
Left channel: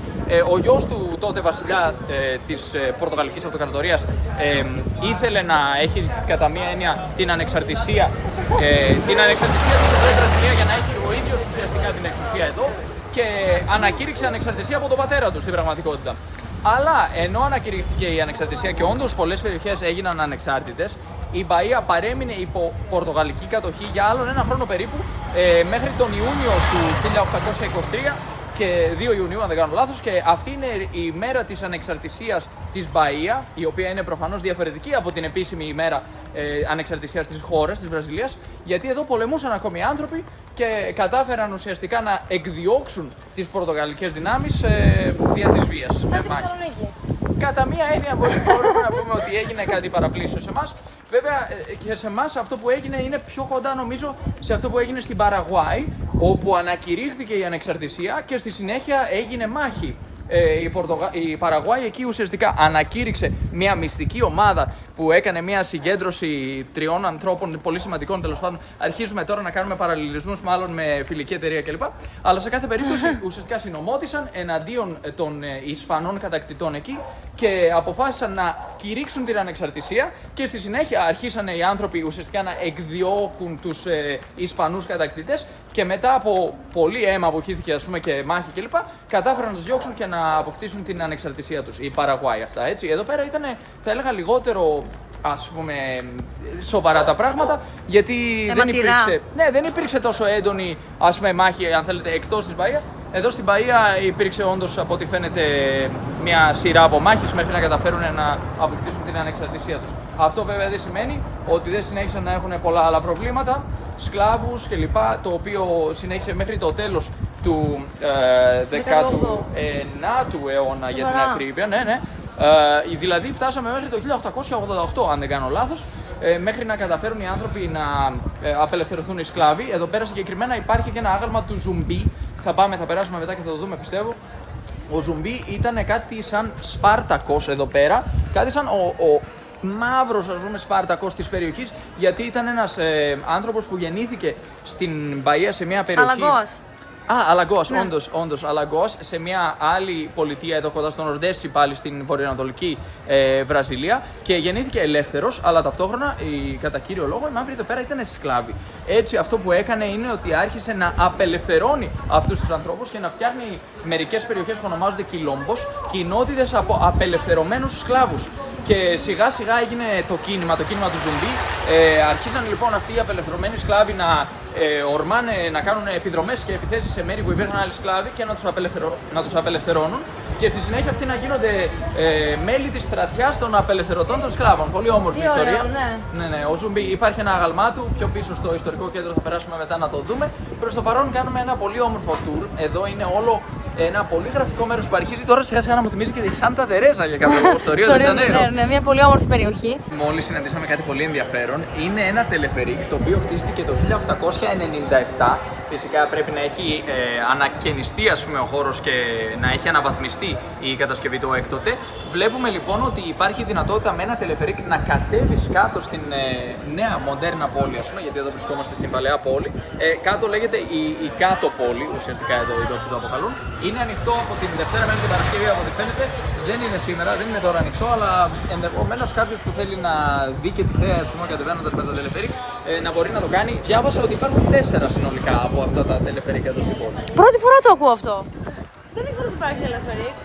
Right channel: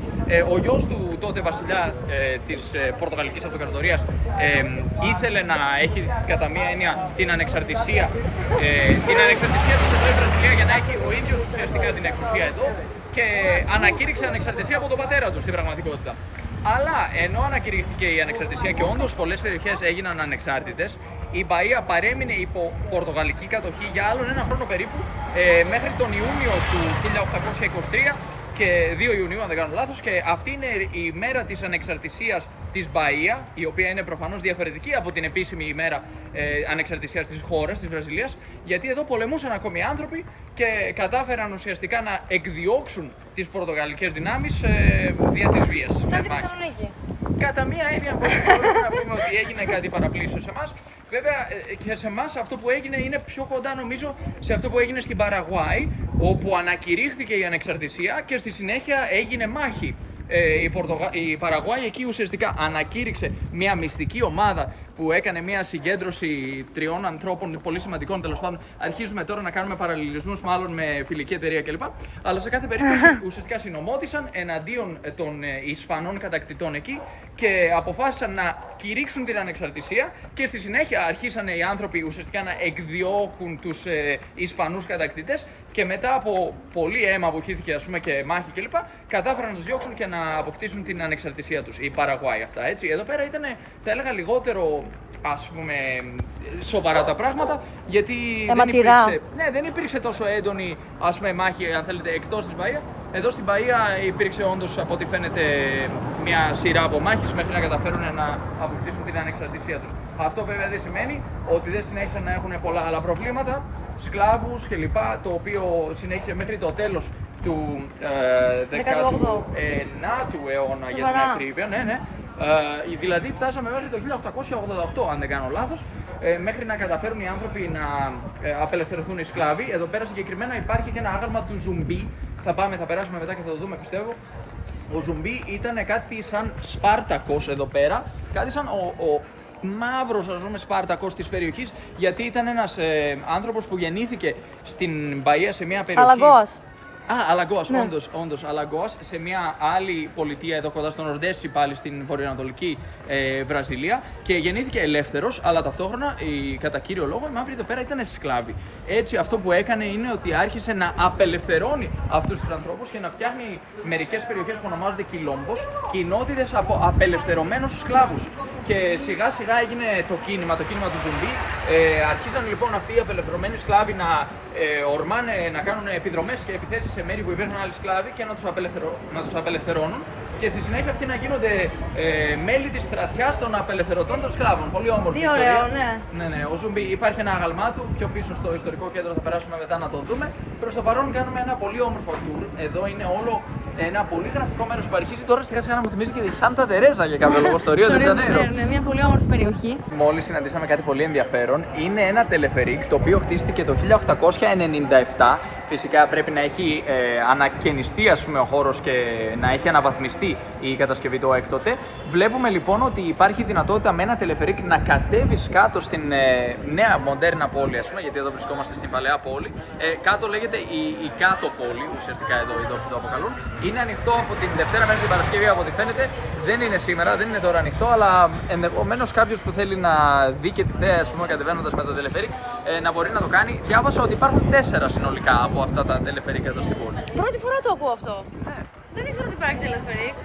Ο γιος του τότε βασιλιά της Πορτογαλικής Αυτοκρατορίας ήθελε να έχει κατά μία έννοια την ανεξαρτησία της εδώ η Βραζιλία για να έχει ο ίδιος ουσιαστικά την εξουσία εδώ και ανακήρυξε ανεξαρτησία από τον πατέρα του στην πραγματικότητα. Αλλά ενώ ανακηρύχθηκε η ανεξαρτησία και όντως πολλές περιοχές έγιναν ανεξάρτητες, η Μπαΐα παρέμεινε υπό πορτογαλική κατοχή για άλλον ένα χρόνο περίπου, μέχρι τον Ιούνιο του 1823 και 2 Ιουνίου αν δεν κάνω λάθος, και αυτή είναι η μέρα της ανεξαρτησίας της Μπαΐα, η οποία είναι προφανώς διαφορετική από την επίσημη ημέρα ανεξαρτησίας της χώρας, της Βραζιλίας, γιατί εδώ πολεμούσαν ακόμη άνθρωποι και κατάφεραν ουσιαστικά να εκδιώξουν τις πορτογαλικές δυνάμεις δια της βίας. Σαν τη Θεσσαλονίκη. Κατά μία έννοια μπορούμε να πούμε ότι έγινε κάτι παραπλήσιο σε εμάς. Βέβαια και σε εμάς αυτό που έγινε είναι πιο κοντά νομίζω σε αυτό που έγινε στην Παραγουάη, όπου ανακηρύχθηκε η ανεξαρτησία και στη συνέχεια έγινε μάχη. Η Παραγουάη εκεί ουσιαστικά ανακήρυξε μια μυστική ομάδα που έκανε μια συγκέντρωση 3 ανθρώπων πολύ σημαντικών. Τέλος πάντων, αρχίζουμε τώρα να κάνουμε παραλληλισμούς μάλλον με φιλική εταιρεία κλπ. Αλλά σε κάθε περίπτωση ουσιαστικά συνομότησαν εναντίον των Ισπανών κατακτητών εκεί και αποφάσισαν να κηρύξουν την ανεξαρτησία και στη συνέχεια αρχίσανε οι άνθρωποι ουσιαστικά να εκδιώκουν τους Ισπανούς κατακτητές και μετά από πολύ αίμα που χύθηκε, ας πούμε, και μάχη κλπ. Κατάφεραν να τους διώξουν και να αποκτήσουν την ανεξαρτησία τους. Η Παραγουάη αυτά, έτσι. Εδώ πέρα ήταν, θα έλεγα, λιγότερο, ας πούμε, σοβαρά τα πράγματα, γιατί δεν υπήρξε τόσο έντονη, ας πούμε, μάχη, αν θέλετε, εκτός της Μπαΐα. Εδώ στην Μπαΐα υπήρξε όντως, από ό,τι φαίνεται, μια σειρά από μάχες μέχρι να καταφέρουν να αποκτήσουν την ανεξαρτησία τους. Αυτό βέβαια δεν σημαίνει ότι δεν συνέχισαν να έχουν πολλά άλλα προβλήματα, σκλάβους κλπ. Το οποίο συνέχισε μέχρι το τέλος του 19ου αιώνα, για την ακρίβεια. Ναι. Δηλαδή φτάσαμε μέχρι το 1888, αν δεν κάνω λάθος, μέχρι να καταφέρουν οι άνθρωποι να απελευθερωθούν οι σκλάβοι. Εδώ πέρα συγκεκριμένα υπάρχει και ένα άγαλμα του Ζουμπί. Θα περάσουμε μετά και θα το δούμε, πιστεύω. Ο Ζουμπί ήταν κάτι σαν Σπάρτακος εδώ πέρα, κάτι σαν ο μαύρος, ας πούμε, Σπάρτακος της περιοχής, γιατί ήταν ένας άνθρωπος που γεννήθηκε στην Μπαΐα σε μια περιοχή... Αλαγκός, ναι. όντως, Αλαγκός, σε μια άλλη πολιτεία εδώ κοντά στο Νορντέσι, πάλι στην βορειοανατολική Βραζιλία, και γεννήθηκε ελεύθερος, αλλά ταυτόχρονα, κατά κύριο λόγο, οι μαύροι εδώ πέρα ήταν σκλάβοι. Έτσι, αυτό που έκανε είναι ότι άρχισε να απελευθερώνει αυτούς τους ανθρώπους και να φτιάχνει μερικές περιοχές που ονομάζονται κιλόμπος, κοινότητες από απελευθερωμένους σκλάβους. Και σιγά σιγά έγινε το κίνημα του Ζουμπί. Αρχίσαν λοιπόν αυτοί οι απελευθερωμένοι σκλάβοι να ορμάνε, να κάνουν επιδρομές και επιθέσεις σε μέρη που υπήρχαν άλλοι σκλάβοι και να τους απελευθερώνουν. Και στη συνέχεια αυτοί να γίνονται μέλη της στρατιάς των απελευθερωτών των σκλάβων. Πολύ όμορφη ιστορία. Ωραίο, ναι. Ναι. Ο Ζουμπί, υπάρχει ένα άγαλμά του πιο πίσω στο ιστορικό κέντρο, θα περάσουμε μετά να το δούμε. Προς το παρόν κάνουμε ένα πολύ όμορφο tour. Εδώ είναι όλο ένα πολύ γραφικό μέρος που αρχίζει τώρα σιγά σιγά να μου θυμίζει και τη Σάντα Τερέζα για κάποιο λόγο, στο Ρίο ντε Τζανέιρο. Ναι, μια πολύ όμορφη περιοχή. Μόλις συναντήσαμε κάτι πολύ ενδιαφέρον. Είναι ένα τελεφερίκ το οποίο χτίστηκε το 1897. Φυσικά πρέπει να έχει ανακαινιστεί, ας πούμε, ο χώρος και να έχει αναβαθμιστεί η κατασκευή του έκτοτε. Βλέπουμε λοιπόν ότι υπάρχει δυνατότητα με ένα τελεφερίκ να κατέβεις κάτω στην νέα μοντέρνα πόλη, ας πούμε, γιατί εδώ βρισκόμαστε στην παλαιά πόλη. Κάτω λέγεται η κάτω πόλη, ουσιαστικά εδώ οι τόποι το αποκαλούν. Είναι ανοιχτό από την Δευτέρα μέχρι την Παρασκευή, από ό,τι φαίνεται. Δεν είναι σήμερα, δεν είναι τώρα ανοιχτό, αλλά ενδεχομένως κάποιος που θέλει να δει και τη θέα, ας πούμε, κατεβαίνοντας με το τελεφερίκ, να μπορεί να το κάνει. Διάβασα ότι υπάρχουν 4 συνολικά από αυτά τα τελεφερίκ εδώ στην πόλη. Πρώτη φορά το ακούω αυτό. Δεν ήξερα ότι υπάρχει τελεφερίκ.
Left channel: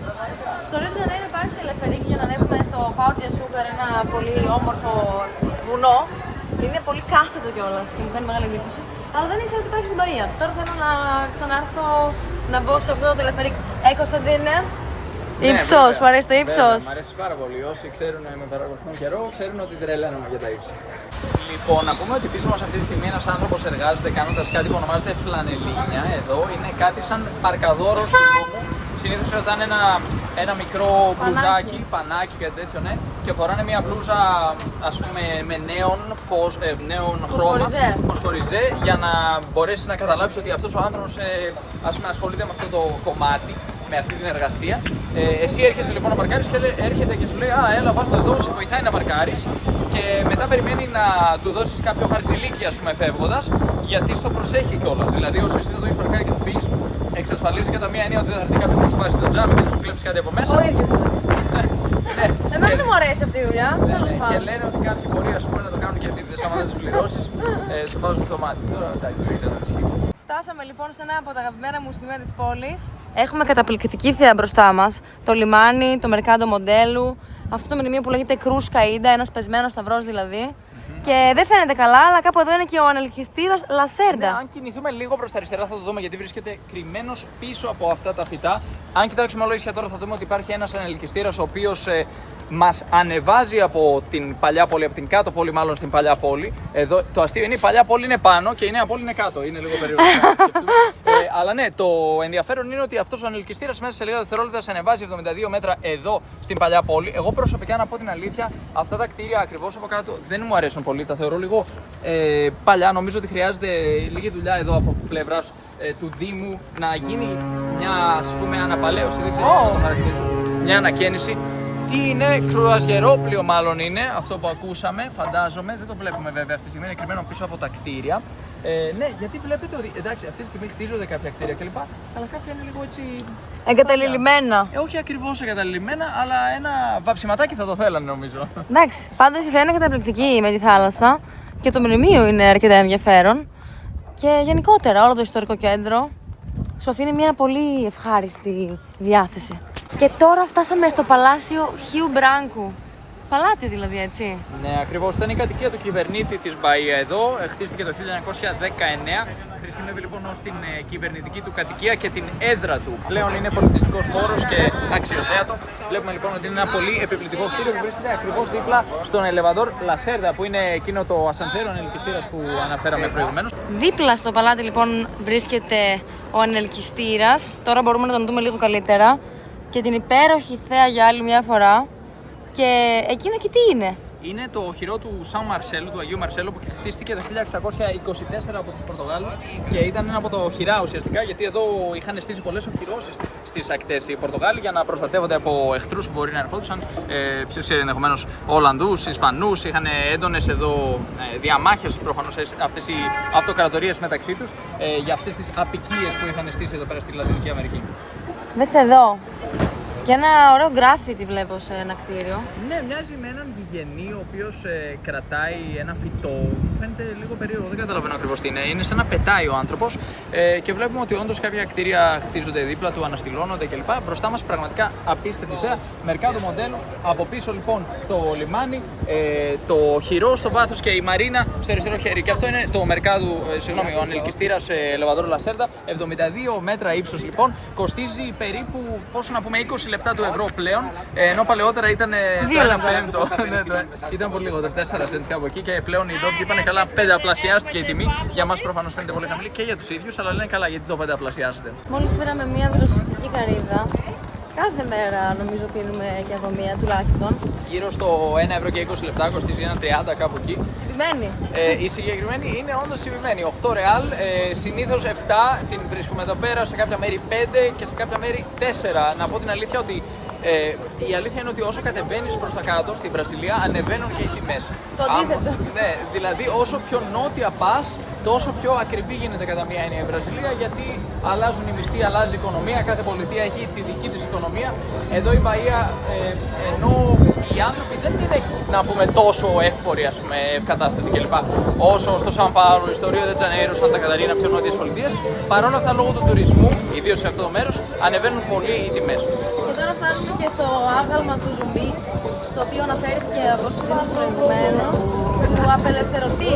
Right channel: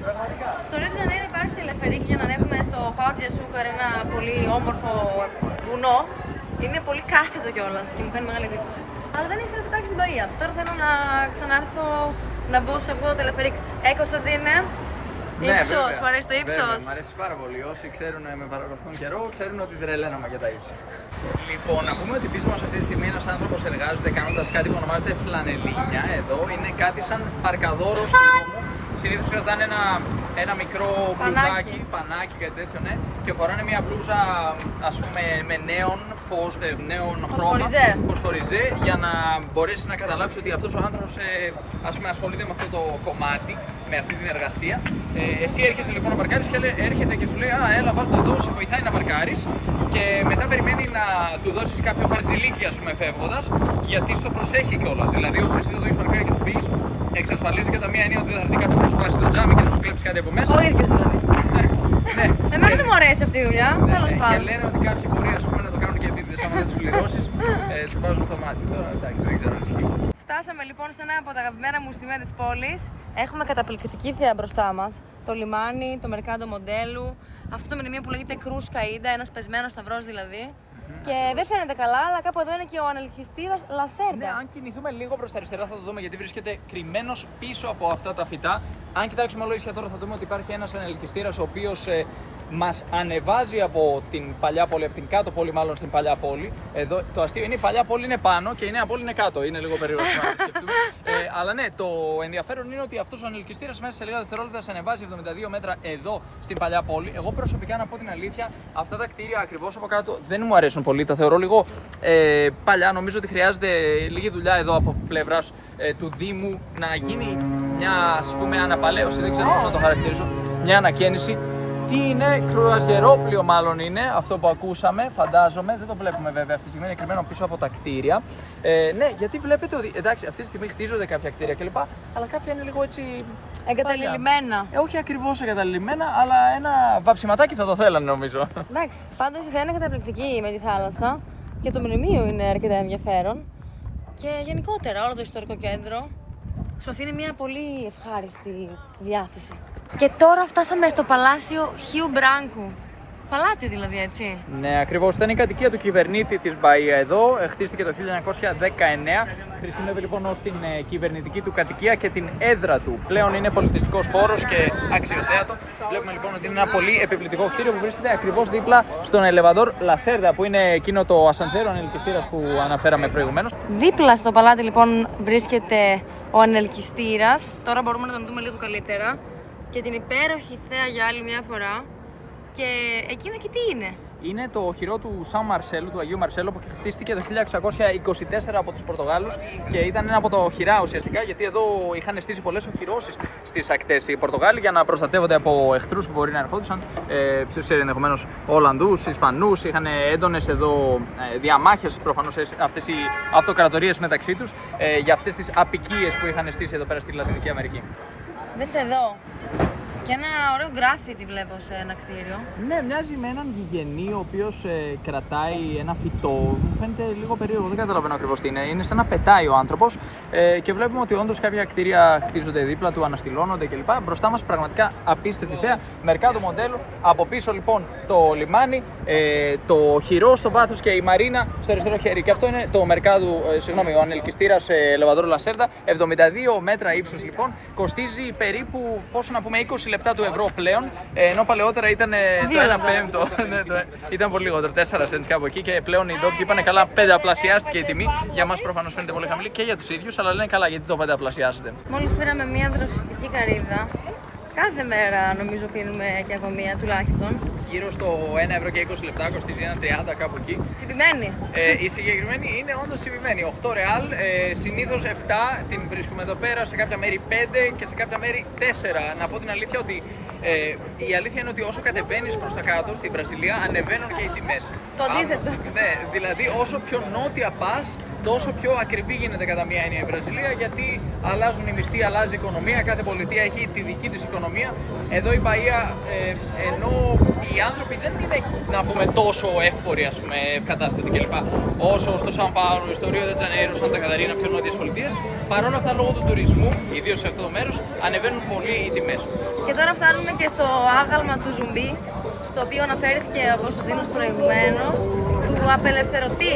Στο Ρίο ντε Τζανέιρο υπάρχει τελεφερίκ για να ανέβουμε στο Πάο ντι Ασούκαρ, ένα πολύ όμορφο βουνό. Είναι πολύ κάθετο κιόλας και μου κάνει μεγάλη εντύπωση. Αλλά δεν ήξερα ότι υπάρχει στην Μπαΐα. Τώρα θέλω να ξανάρθω να μπω σε αυτό το τελεφερίκ. Κωνσταντίνε, ύψος, σου αρέσει το ύψος? Μ' αρέσει πάρα πολύ. Όσοι ξέρουν, με παρακολουθούν καιρό, ξέρουν ότι τρελαίνομαι για τα ύψη. Λοιπόν, να πούμε ότι πίσω μας αυτή τη στιγμή ένας άνθρωπος εργάζεται κάνοντας κάτι που ονομάζεται φλανελίνια. Εδώ είναι κάτι σαν παρκαδόρος του νόμου. Συνήθως κρατάνε ένα μικρό μπλουζάκι, πανάκι, κάτι τέτοιο, ναι, και φοράνε μια μπλούζα, ας πούμε, με νέον χρώμα, φωσφοριζέ, για να μπορέσει να καταλάβεις ότι αυτός ο άνθρωπος, ας πούμε, ασχολείται με αυτό το κομμάτι, με αυτή την εργασία. Εσύ έρχεσαι λοιπόν να παρκάρεις και έρχεται και σου λέει έλα βάλτε το εδώ, σε βοηθάει να παρκάρεις, και μετά περιμένει να του δώσεις κάποιο χαρτζηλίκι, ας πούμε, φεύγοντας, γιατί στο προσέχει κιόλας. Δηλαδή, όσο εσύ δεν το έχεις παρκάρει και του φύγεις, εξασφαλίζει κατά μία έννοια ότι δεν θα έρθει κάποιος να σπάσει το τζάμι και να σου κλέψει κάτι από μέσα. Ναι. Εμένα δεν μου αρέσει αυτή η δουλειά. Και λένε ότι κάποιοι μπορεί, ας πούμε, να το κάνουν και επίτηδες, άμα δεν τους πληρώσεις, σε βάζουν στο μάτι. Τώρα εντάξει, δεν ξέρω αν ισχύει. Φτάσαμε λοιπόν σε ένα από τα αγαπημένα μου σημεία της πόλης. Έχουμε καταπληκτική θέα μπροστά μας. Το λιμάνι, το Μερκάντο Μοντέλου. Αυτό το μνημείο που λέγεται Κρούς Καΐντα, ένας πεσμένος σταυρός δηλαδή. Και δεν φαίνεται καλά, αλλά κάπου εδώ είναι και ο ανελκυστήρας Λασέρντα. Ναι, αν κινηθούμε λίγο προς τα αριστερά θα το δούμε, γιατί βρίσκεται κρυμμένος πίσω από αυτά τα φυτά. Αν κοιτάξουμε όλο τώρα θα δούμε ότι υπάρχει ένας ανελκυστήρας ο οποίος μας ανεβάζει από την παλιά πόλη, από την κάτω πόλη μάλλον στην παλιά πόλη. Εδώ το αστείο είναι η παλιά πόλη είναι πάνω και η νέα πόλη είναι κάτω. Είναι λίγο περίεργο να σκεφτούμε. Αλλά ναι, το ενδιαφέρον είναι ότι αυτός ο ανελκυστήρας μέσα σε λίγα δευτερόλεπτα σε ανεβάζει 72 μέτρα εδώ στην παλιά πόλη. Εγώ προσωπικά, να πω την αλήθεια, αυτά τα κτίρια ακριβώς από κάτω δεν μου αρέσουν πολύ. Τα θεωρώ λίγο παλιά. Νομίζω ότι χρειάζεται λίγη δουλειά εδώ από πλευράς του Δήμου να γίνει μια, ας πούμε, αναπαλαίωση. Δεν ξέρω πώς θα το χαρακτηρίσω. Μια ανακαίνιση. Τι είναι, κρουαζιερόπλοιο μάλλον είναι αυτό που ακούσαμε, φαντάζομαι. Δεν το βλέπουμε βέβαια αυτή τη στιγμή, είναι κρυμμένο πίσω από τα κτίρια. Ναι, γιατί βλέπετε ότι εντάξει, αυτή τη στιγμή χτίζονται κάποια κτίρια κλπ. Αλλά κάποια είναι λίγο έτσι. Εγκαταλειμμένα. Όχι ακριβώς εγκαταλειμμένα, αλλά ένα βαψιματάκι θα το θέλανε νομίζω. Εντάξει, πάντως η Αθήνα είναι καταπληκτική με τη θάλασσα και το μνημείο είναι αρκετά ενδιαφέρον. Και γενικότερα όλο το ιστορικό κέντρο σου αφήνει μια πολύ ευχάριστη διάθεση. Και τώρα φτάσαμε στο Παλάσιο Χιου Μπράνκου. Παλάτι δηλαδή, έτσι. Ναι, ακριβώς. Ήταν η κατοικία του κυβερνήτη της Μπαΐα εδώ. Χτίστηκε το 1919. Χρησιμεύει λοιπόν ως την κυβερνητική του κατοικία και την έδρα του. Πλέον είναι πολιτιστικός χώρος και αξιοθέατο. Βλέπουμε λοιπόν ότι είναι ένα πολύ επιπληκτικό κτίριο που βρίσκεται ακριβώς δίπλα στον Ελεβαδόρ Λασέρδα, που είναι εκείνο το ασανσέρ, ο ανελκυστήρας που αναφέραμε προηγουμένως. Δίπλα στο παλάτι λοιπόν βρίσκεται ο ανελκυστήρας. Τώρα μπορούμε να τον δούμε λίγο καλύτερα. Και την υπέροχη θέα για άλλη μια φορά. Και εκείνο και τι είναι? Είναι το οχυρό του Σαν Μαρσέλου, του Αγίου Μαρσέλου, που χτίστηκε το 1624 από τους Πορτογάλους και ήταν ένα από τα οχυρά ουσιαστικά, γιατί εδώ είχαν στήσει πολλές οχυρώσεις στις ακτές οι Πορτογάλοι για να προστατεύονται από εχθρούς που μπορεί να ερχόντουσαν. Ποιος ξέρει, ενδεχομένως Ολλανδούς, Ισπανούς, είχαν έντονες εδώ διαμάχες προφανώς αυτές οι αυτοκρατορίες μεταξύ τους για αυτές τις αποικίες που είχαν στήσει εδώ πέρα στη Λατινική Αμερική. Δες εδώ. Και ένα ωραίο γκράφιτι βλέπω σε ένα κτίριο. Ναι, μοιάζει με έναν γηγενή ο οποίος κρατάει ένα φυτό. Μου φαίνεται λίγο περίεργο, δεν καταλαβαίνω ακριβώς τι είναι. Είναι σαν να πετάει ο άνθρωπος και βλέπουμε ότι όντως κάποια κτίρια χτίζονται δίπλα του, αναστηλώνονται κλπ. Μπροστά μας πραγματικά απίστευτη θέα. Μερκάτο μοντέλο. Από πίσω λοιπόν το λιμάνι, το χειρό στο βάθος και η μαρίνα στο αριστερό χέρι. Και αυτό είναι το Μερκάτο, ο ανελκυστήρας Ελεβαδόρ Λασέρδα. 72 μέτρα ύψος λοιπόν. Κοστίζει περίπου, πόσο να πούμε, 20 λεπτά του ευρώ πλέον, ενώ παλαιότερα ήταν το 1 πέμπτο. Ήταν πολύ λιγότερο, 4 cents κάπου εκεί, και πλέον οι ντόπιοι είπανε καλά, πενταπλασιάστηκε η τιμή. Για μας προφανώς φαίνεται πολύ χαμηλή και για τους ίδιους, αλλά λένε καλά γιατί το πενταπλασιάζεται. Μόλις πήραμε μια δροσιστική καρύδα. Κάθε μέρα νομίζω πίνουμε και από μία τουλάχιστον. Γύρω στο 1 ευρώ και 20 λεπτά, κοστίζει ένα 30 κάπου εκεί. Τσιπημένη. Η συγκεκριμένη είναι όντως τσιπημένη. 8 ρεάλ, συνήθως 7 την βρίσκουμε εδώ πέρα, σε κάποια μέρη 5 και σε κάποια μέρη 4. Να πω την αλήθεια ότι η αλήθεια είναι ότι όσο κατεβαίνεις προς τα κάτω στην Βραζιλία, ανεβαίνουν και οι τιμές. Το αντίθετο. Ναι, δηλαδή όσο πιο νότια πας, τόσο πιο ακριβή γίνεται κατά μία έννοια η Βραζιλία, γιατί αλλάζουν οι μισθοί, αλλάζει η οικονομία, κάθε πολιτεία έχει τη δική της οικονομία. Εδώ η Μπαΐα, ενώ οι άνθρωποι δεν είναι, να πούμε, τόσο εύποροι, ας πούμε, ευκατάστατοι κλπ. Όσο στο Σαν Πάολο, στο Ρίο ντε Τζανέιρο, Σάντα Καταρίνα, πιο νότιες πολιτείες, παρόλα αυτά λόγω του τουρισμού, ιδίως σε αυτό το μέρος, ανεβαίνουν πολύ οι τιμές. Και τώρα φτάνουμε και στο άγαλμα του Ζουμπί, στο οποίο αναφέρθηκε ο Κωνσταντίνος προηγουμένως, του απελευθερωτή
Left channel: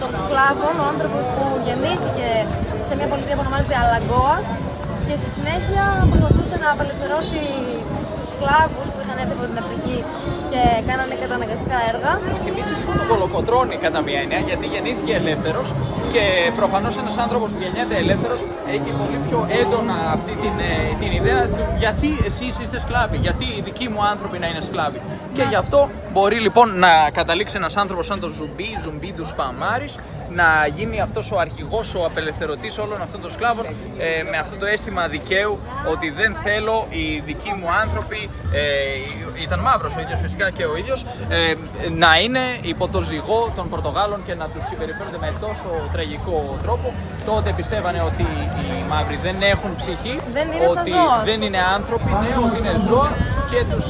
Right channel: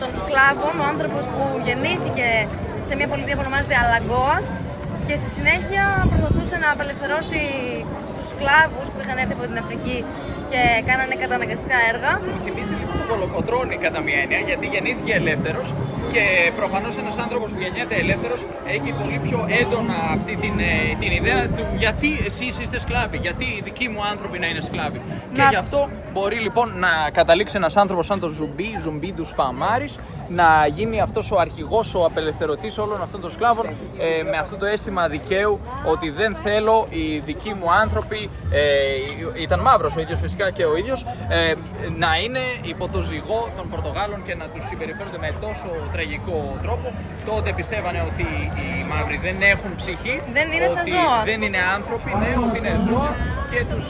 των σκλάβων, ο άνθρωπος που γεννήθηκε σε μια πολιτεία που ονομάζεται Αλαγκόας και στη συνέχεια προσπαθούσε να απελευθερώσει τους σκλάβους που είχαν έρθει από την Αφρική και κάνανε καταναγκαστικά έργα. Μου θυμίζει λίγο τον Κολοκοτρώνη κατά μία έννοια, γιατί γεννήθηκε ελεύθερος και προφανώς ένας άνθρωπος που γεννιέται ελεύθερος έχει πολύ πιο έντονα αυτή την ιδέα του γιατί εσείς είστε σκλάβοι, γιατί οι δικοί μου άνθρωποι να είναι σκλάβοι. Και γι' αυτό μπορεί λοιπόν να καταλήξει ένας άνθρωπος σαν τον Ζουμπί του Σπαμάρης, να γίνει αυτός ο αρχηγός, ο απελευθερωτής όλων αυτών των σκλάβων, με αυτό το αίσθημα δικαίου ότι δεν θέλω οι δικοί μου άνθρωποι, ήταν μαύρος ο ίδιος φυσικά και ο ίδιος, να είναι υπό το ζυγό των Πορτογάλων και να τους συμπεριφέρονται με τόσο τραγικό τρόπο. Τότε πιστεύανε ότι οι μαύροι δεν έχουν ψυχή, δεν είναι ότι δεν είναι άνθρωποι, ναι, ότι είναι ζώα και τους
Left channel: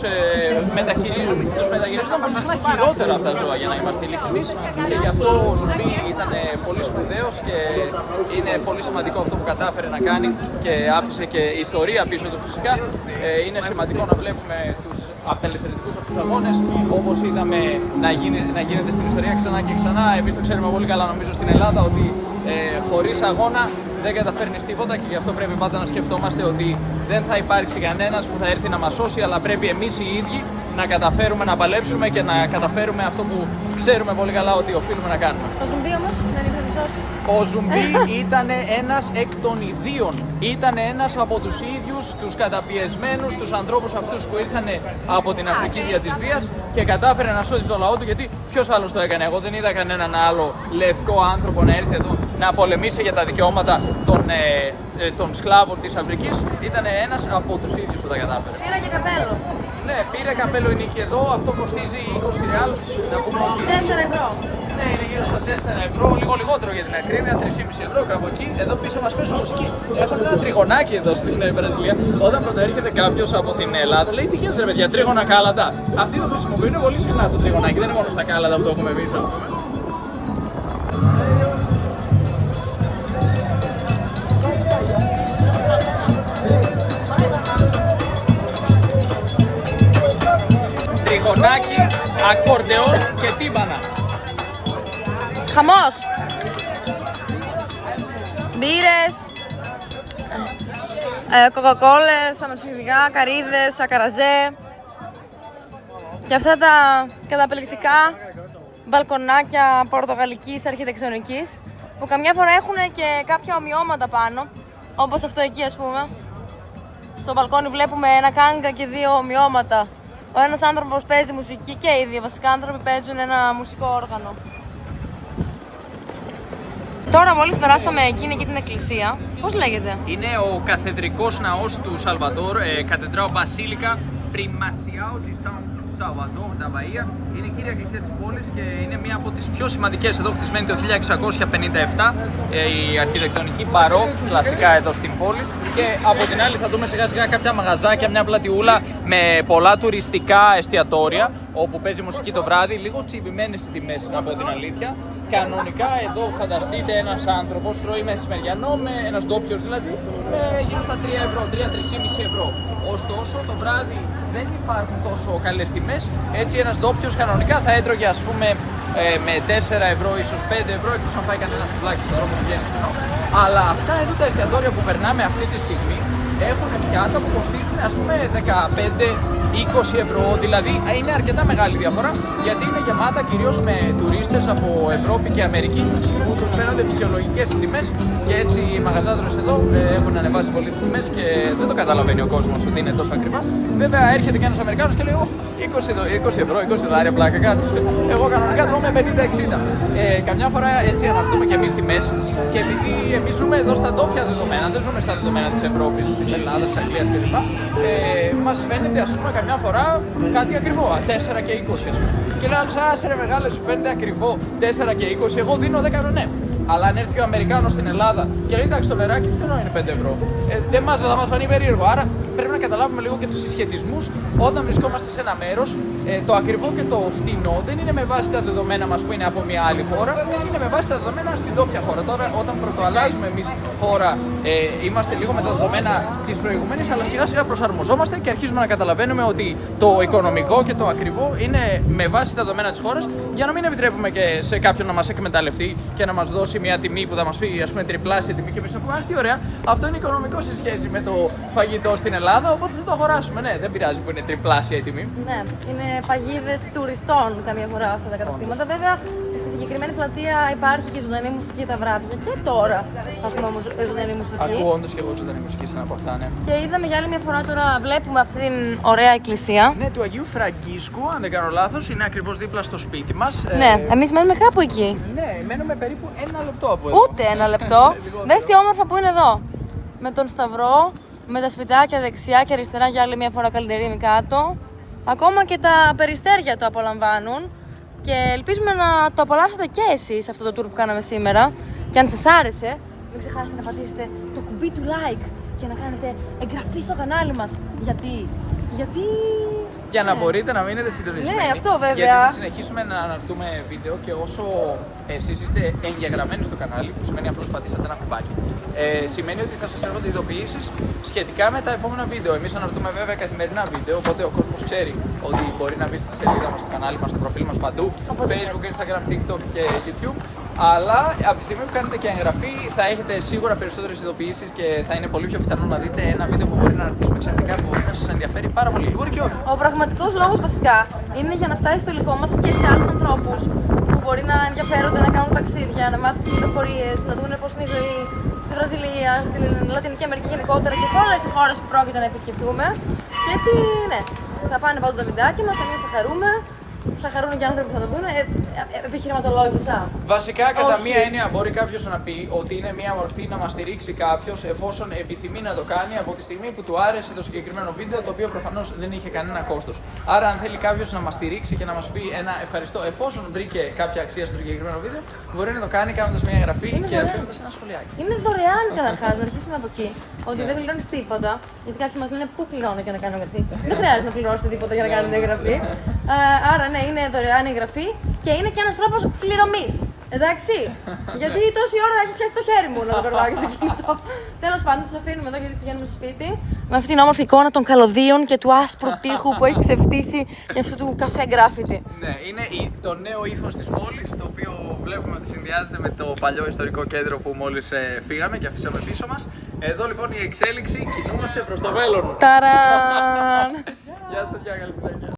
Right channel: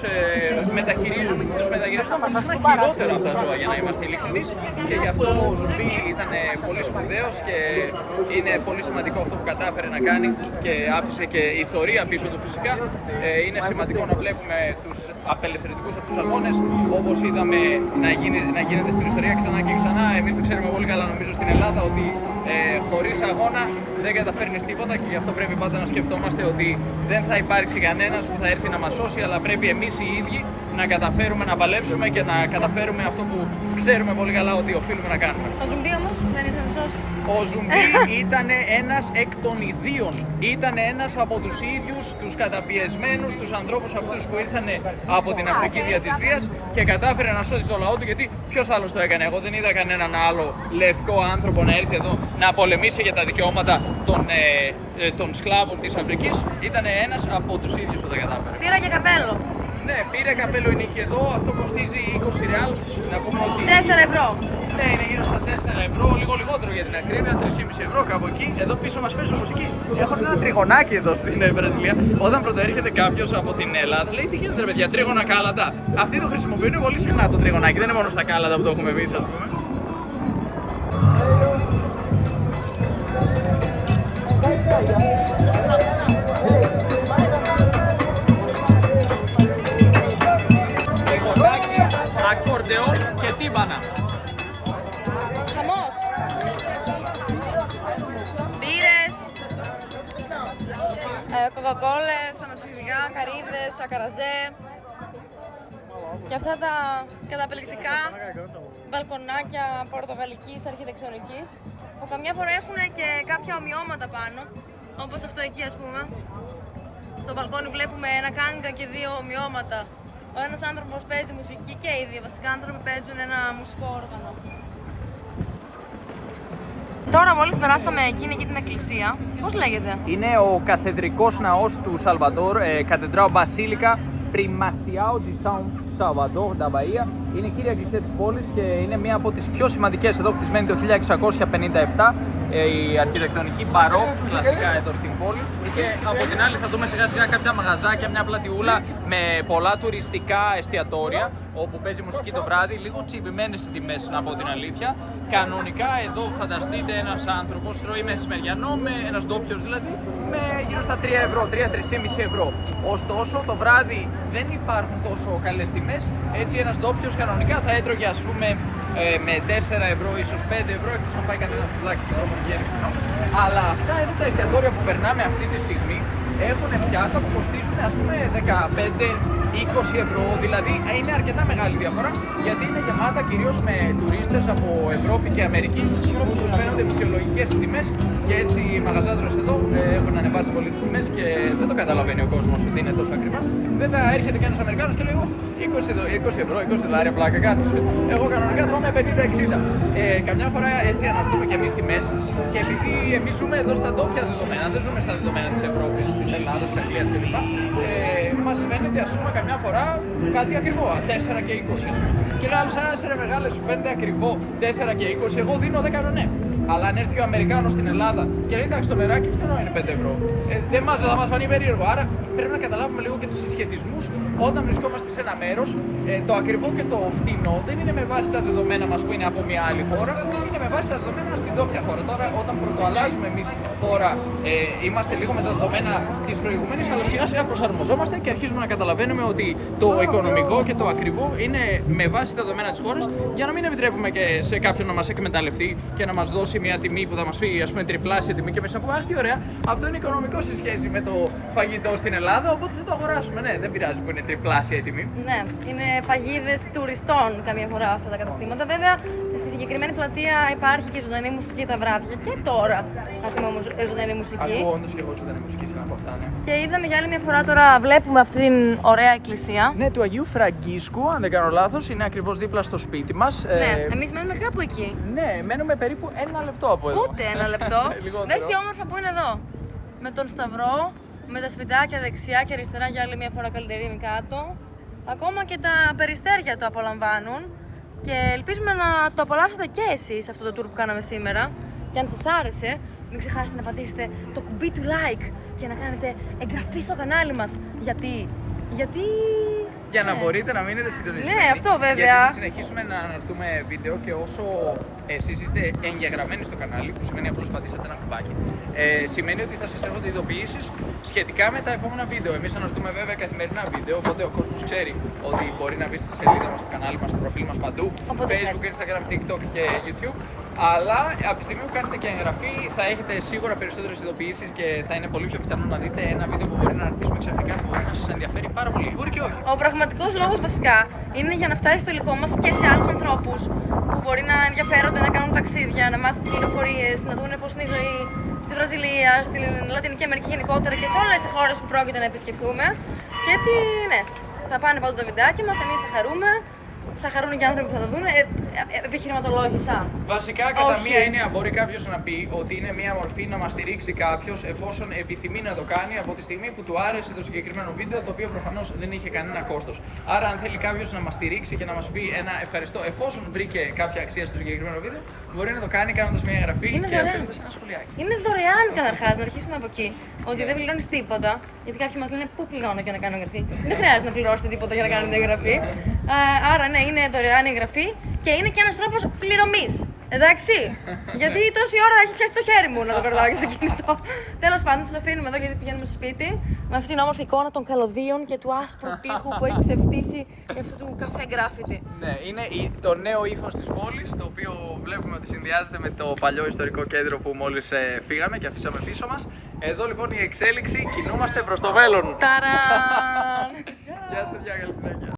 μεταχειρίζονται συχνά χειρότερα από τα ζώα, για να είμαστε ειλικρινείς, και γι' αυτό ο Ζουμπί ήταν πολύ σπουδαίος και είναι πολύ σημαντικό αυτό που κατάφερε να κάνει και άφησε και ιστορία πίσω του φυσικά. Είναι σημαντικό να βλέπουμε τους απελευθερωτικούς αυτούς αγώνες, όπως είδαμε να γίνεται στην ιστορία ξανά και ξανά. Εμείς το ξέρουμε πολύ καλά νομίζω στην Ελλάδα ότι χωρίς αγώνα δεν καταφέρνεις τίποτα, και γι' αυτό πρέπει πάντα να σκεφτόμαστε ότι δεν θα υπάρξει κανένας που θα έρθει να μας σώσει, αλλά πρέπει εμείς οι ίδιοι να καταφέρουμε να παλέψουμε και να καταφέρουμε αυτό που ξέρουμε πολύ καλά ότι οφείλουμε να κάνουμε. Ο Ζουμπί όμως δεν ήθελε να σώσει. Ο Ζουμπί ήταν ένας εκ των ιδίων. Ήταν ένας από τους ίδιους, τους καταπιεσμένους, τους ανθρώπους αυτούς που ήρθαν από την Αφρική δια της βίας και κατάφερε να σώσει το λαό του, γιατί ποιος άλλος το έκανε? Εγώ δεν είδα κανέναν άλλο λευκό άνθρωπο να έρθει εδώ να πολεμήσει για τα δικαιώματα των σκλάβων της Αφρικής. Ήταν ένας από τους ίδιους που τα κατάφερε. Πήρα και καπέλο. Ναι, πήρε καπέλο η νίκη εδώ, αυτό κοστίζει 20 ρεάλ. Να πούμε ότι. 4 ευρώ. Ναι, είναι γύρω στα 4 ευρώ, λίγο λιγότερο για την ακρίβεια, 3,5 ευρώ κάπου εκεί. Εδώ πίσω μας παίζουν μουσική. Έχουν ένα τριγωνάκι εδώ στην Βραζιλία. Όταν πρωτοέρχεται κάποιος από την Ελλάδα, λέει τι γίνεται ρε παιδιά, τρίγωνα κάλαντα. Αυτοί το χρησιμοποιούν πολύ συχνά το τριγωνάκι, δεν είναι μόνο στα κάλαντα που το έχουμε εμείς, ας πούμε. Τριγωνάκι, ακορντεόν και τύμπανα. Χαμός! Μπύρες, κοκακόλες, αναψυκτικά, καρύδες, ακαραζέ και αυτά τα καταπληκτικά μπαλκονάκια πορτογαλικής αρχιτεκτονικής που καμιά φορά έχουν και κάποια ομοιώματα πάνω, όπως αυτό εκεί ας πούμε. Στο μπαλκόνι βλέπουμε ένα κάγκα και δύο ομοιώματα. Ο ένας άνθρωπος παίζει μουσική και οι δύο βασικά άνθρωποι παίζουν ένα μουσικό όργανο. Τώρα μόλις περάσαμε εκείνη και την εκκλησία. Πώς λέγεται? Είναι ο καθεδρικός ναός του Σαλβαδόρ, Κατεντράο Μπασίλικα Primacao de São Salvador da Bahia. Είναι η κύρια εκκλησία της πόλης και είναι μία από τις πιο σημαντικές, εδώ χτισμένη το 1657, η αρχιτεκτονική μπαρόκ, κλασικά εδώ στην πόλη. Και από την άλλη θα δούμε σιγά σιγά κάποια μαγαζάκια, μια πλατιούλα με πολλά τουριστικά εστιατόρια όπου παίζει μουσική το βράδυ, λίγο τσιμπημένες οι τιμές να πω την αλήθεια. Κανονικά εδώ φανταστείτε ένας άνθρωπος τρώει μεσημεριανό, ένας ντόπιος δηλαδή, με γύρω στα 3 ευρώ, 3-3,5 ευρώ. Ωστόσο το βράδυ δεν υπάρχουν τόσο καλές τιμές, έτσι ένας ντόπιος κανονικά θα έτρωγε ας πούμε με 4 ευρώ, ίσως 5 ευρώ, εκτός αν φάει κανένα σουβλάκι στον δρόμο που βγαίνει φθηνό. Αλλά αυτά εδώ τα εστιατόρια που περνάμε αυτή τη στιγμή έχουν πιάτα που κοστίζουν ας πούμε 15-20 ευρώ, δηλαδή είναι αρκετά μεγάλη διαφορά γιατί είναι γεμάτα κυρίως με τουρίστες από Ευρώπη και Αμερική που τους φαίνονται φυσιολογικές τιμές και έτσι οι μαγαζάτρες εδώ έχουν ανεβάσει πολύ τις τιμές και δεν το καταλαβαίνει ο κόσμος ότι είναι τόσο ακριβά. Βέβαια έρχεται και ένας Αμερικάνος και λέει 20 ευρώ, 20 δολάρια πλάκα κάνεις. Εγώ κανονικά τρώω με 50-60. Καμιά φορά έτσι αναρτούμε και εμείς τιμές και επειδή εμείς ζούμε εδώ στα ντόπια δεδομένα, δεν ζούμε στα δεδομένα της Ευρώπης, της Ελλάδας, της Αγγλίας κλπ. Μας φαίνεται ας πούμε καμιά φορά κάτι ακριβό, 4 και 20 ας πούμε. Και λέει άλλος, άσε ρε μεγάλε, σου φαίνεται ακριβό 4 και 20, εγώ δίνω 10 ρονέ. Αλλά αν έρθει ο Αμερικάνος στην Ελλάδα και λέει εντάξει το νεράκι φθηνό είναι 5 ευρώ, δεν θα μας φανεί περίεργο. Άρα πρέπει να καταλάβουμε λίγο και τους συσχετισμούς όταν βρισκόμαστε σε ένα μέρος. Το ακριβό και το φτηνό δεν είναι με βάση τα δεδομένα μας που είναι από μια άλλη χώρα, είναι με βάση τα δεδομένα στην τόπια χώρα. Τώρα όταν πρωτοαλλάζουμε εμείς χώρα είμαστε λίγο με τα δεδομένα της προηγουμένης, αλλά σιγά σιγά προσαρμοζόμαστε και αρχίζουμε να καταλαβαίνουμε ότι το οικονομικό και το ακριβό είναι με βάση τα δεδομένα της χώρας για να μην επιτρέπουμε και σε κάποιον να μας εκμεταλλευτεί και να μας δώσει μια τιμή που θα μας πει ας πούμε τριπλάσια τιμή και εμείς να πούμε αχ τι ωραία, αυτό είναι οικονομικό σε σχέση με το φαγητό στην Ελλάδα, οπότε θα το αγοράσουμε. Ναι, δεν πειράζει που είναι τριπλάσια η τιμή. Ναι, είναι παγίδες τουριστών καμιά φορά αυτά τα καταστήματα. Βέβαια, στη συγκεκριμένη πλατεία υπάρχει και ζωντανή μουσική τα βράδια. Και τώρα ακούμε όμως ζωντανή μουσική. Ακούω όντως και εγώ ζωντανή μουσική σε ένα από αυτά, ναι. Και είδαμε για άλλη μια φορά τώρα, βλέπουμε αυτή την ωραία εκκλησία. Ναι, του Αγίου Φραγκίσκου, αν δεν κάνω λάθος, είναι ακριβώς δίπλα στο σπίτι μας. Ναι, εμείς μένουμε κάπου εκεί. Ναι, μένουμε περίπου 1 λεπτό από εδώ. Ούτε 1 λεπτό. Δες τι όμορφα που είναι εδώ. Με τον Σταυρό, με τα σπιτάκια δεξιά και αριστερά για άλλη μια φορά καλυτερίμη κάτω. Ακόμα και τα περιστέρια το απολαμβάνουν και ελπίζουμε να το απολαύσετε και εσείς αυτό το tour που κάναμε σήμερα. Και αν σας άρεσε, μην ξεχάσετε να πατήσετε το κουμπί του like και να κάνετε εγγραφή στο κανάλι μας. Γιατί... Για να μπορείτε να μείνετε συντονισμένοι. Ναι, αυτό βέβαια. Γιατί θα συνεχίσουμε να αναρτούμε βίντεο και όσο εσείς είστε εγγεγραμμένοι στο κανάλι, που σημαίνει απλώς πατήσατε ένα κουμπάκι, σημαίνει ότι θα σας έρχονται ειδοποιήσεις σχετικά με τα επόμενα βίντεο. Εμείς αναρτούμε βέβαια καθημερινά βίντεο, οπότε ο κόσμος ξέρει ότι μπορεί να μπει στη σελίδα μας, στο κανάλι μας, στο προφίλ μας παντού, Facebook, Instagram, TikTok και YouTube. Αλλά από τη στιγμή που κάνετε και εγγραφή θα έχετε σίγουρα περισσότερες ειδοποιήσεις και θα είναι πολύ πιο πιθανό να δείτε ένα βίντεο που μπορεί να αναρτήσουμε ξαφνικά που μπορεί να σας ενδιαφέρει πάρα πολύ. Μπορεί και όχι. Ο πραγματικός λόγος βασικά είναι για να φτάσει στο υλικό μας και σε άλλους ανθρώπους που μπορεί να ενδιαφέρονται να κάνουν ταξίδια, να μάθουν πληροφορίες, να δουν πώς είναι η ζωή στη Βραζιλία, στη Λατινική Αμερική γενικότερα και σε όλες τις χώρες που πρόκειται να επισκεφτούμε. Και έτσι, ναι, θα πάνε παντού τα βιντεάκια μας, εμείς θα χαρούμε Θα χαρούν και οι άνθρωποι που θα το δουν. Επιχειρηματολόγησα. Βασικά, κατά Όχι. μία έννοια, μπορεί κάποιο να πει ότι είναι μία μορφή να μα στηρίξει κάποιο εφόσον επιθυμεί να το κάνει από τη στιγμή που του άρεσε το συγκεκριμένο βίντεο, το οποίο προφανώς δεν είχε κανένα κόστος. Άρα, αν θέλει κάποιο να μα στηρίξει και να μα πει ένα ευχαριστώ εφόσον βρήκε κάποια αξία στο συγκεκριμένο βίντεο, μπορεί να το κάνει κάνοντα μία εγγραφή Είναι και δωρεάν. αφήνοντα ένα σχολιάκι. Είναι δωρεάν καταρχάς, να αρχίσουμε από εκεί. Ότι δεν πληρώνει τίποτα. Γιατί κάποιοι μα λένε πού πληρώνω για να κάνω εγγραφή. Δεν χρειάζεται να πληρώσετε τίποτα για να κάνετε εγγραφή. Άρα, ναι, είναι δωρεάν η εγγραφή και είναι και ένα τρόπο πληρωμή. Εντάξει. Γιατί τόση ώρα έχει πιάσει το χέρι μου να το περνάω και στο κινητό. Τέλος πάντων, σας αφήνουμε εδώ γιατί πηγαίνουμε στο σπίτι. Με αυτήν την όμορφη εικόνα των καλωδίων και του άσπρου τείχου που έχει ξεφτύσει και αυτού του καφέ γκράφιτι. Ναι, είναι το νέο ύφος της πόλης, το οποίο βλέπουμε ότι συνδυάζεται με το παλιό ιστορικό κέντρο που μόλις φύγαμε και αφήσαμε πίσω μας. Εδώ λοιπόν η εξέλιξη, κινούμαστε προς το μέλλον. Ταραν! Γεια σας, παιδιά, καλή συνέχεια.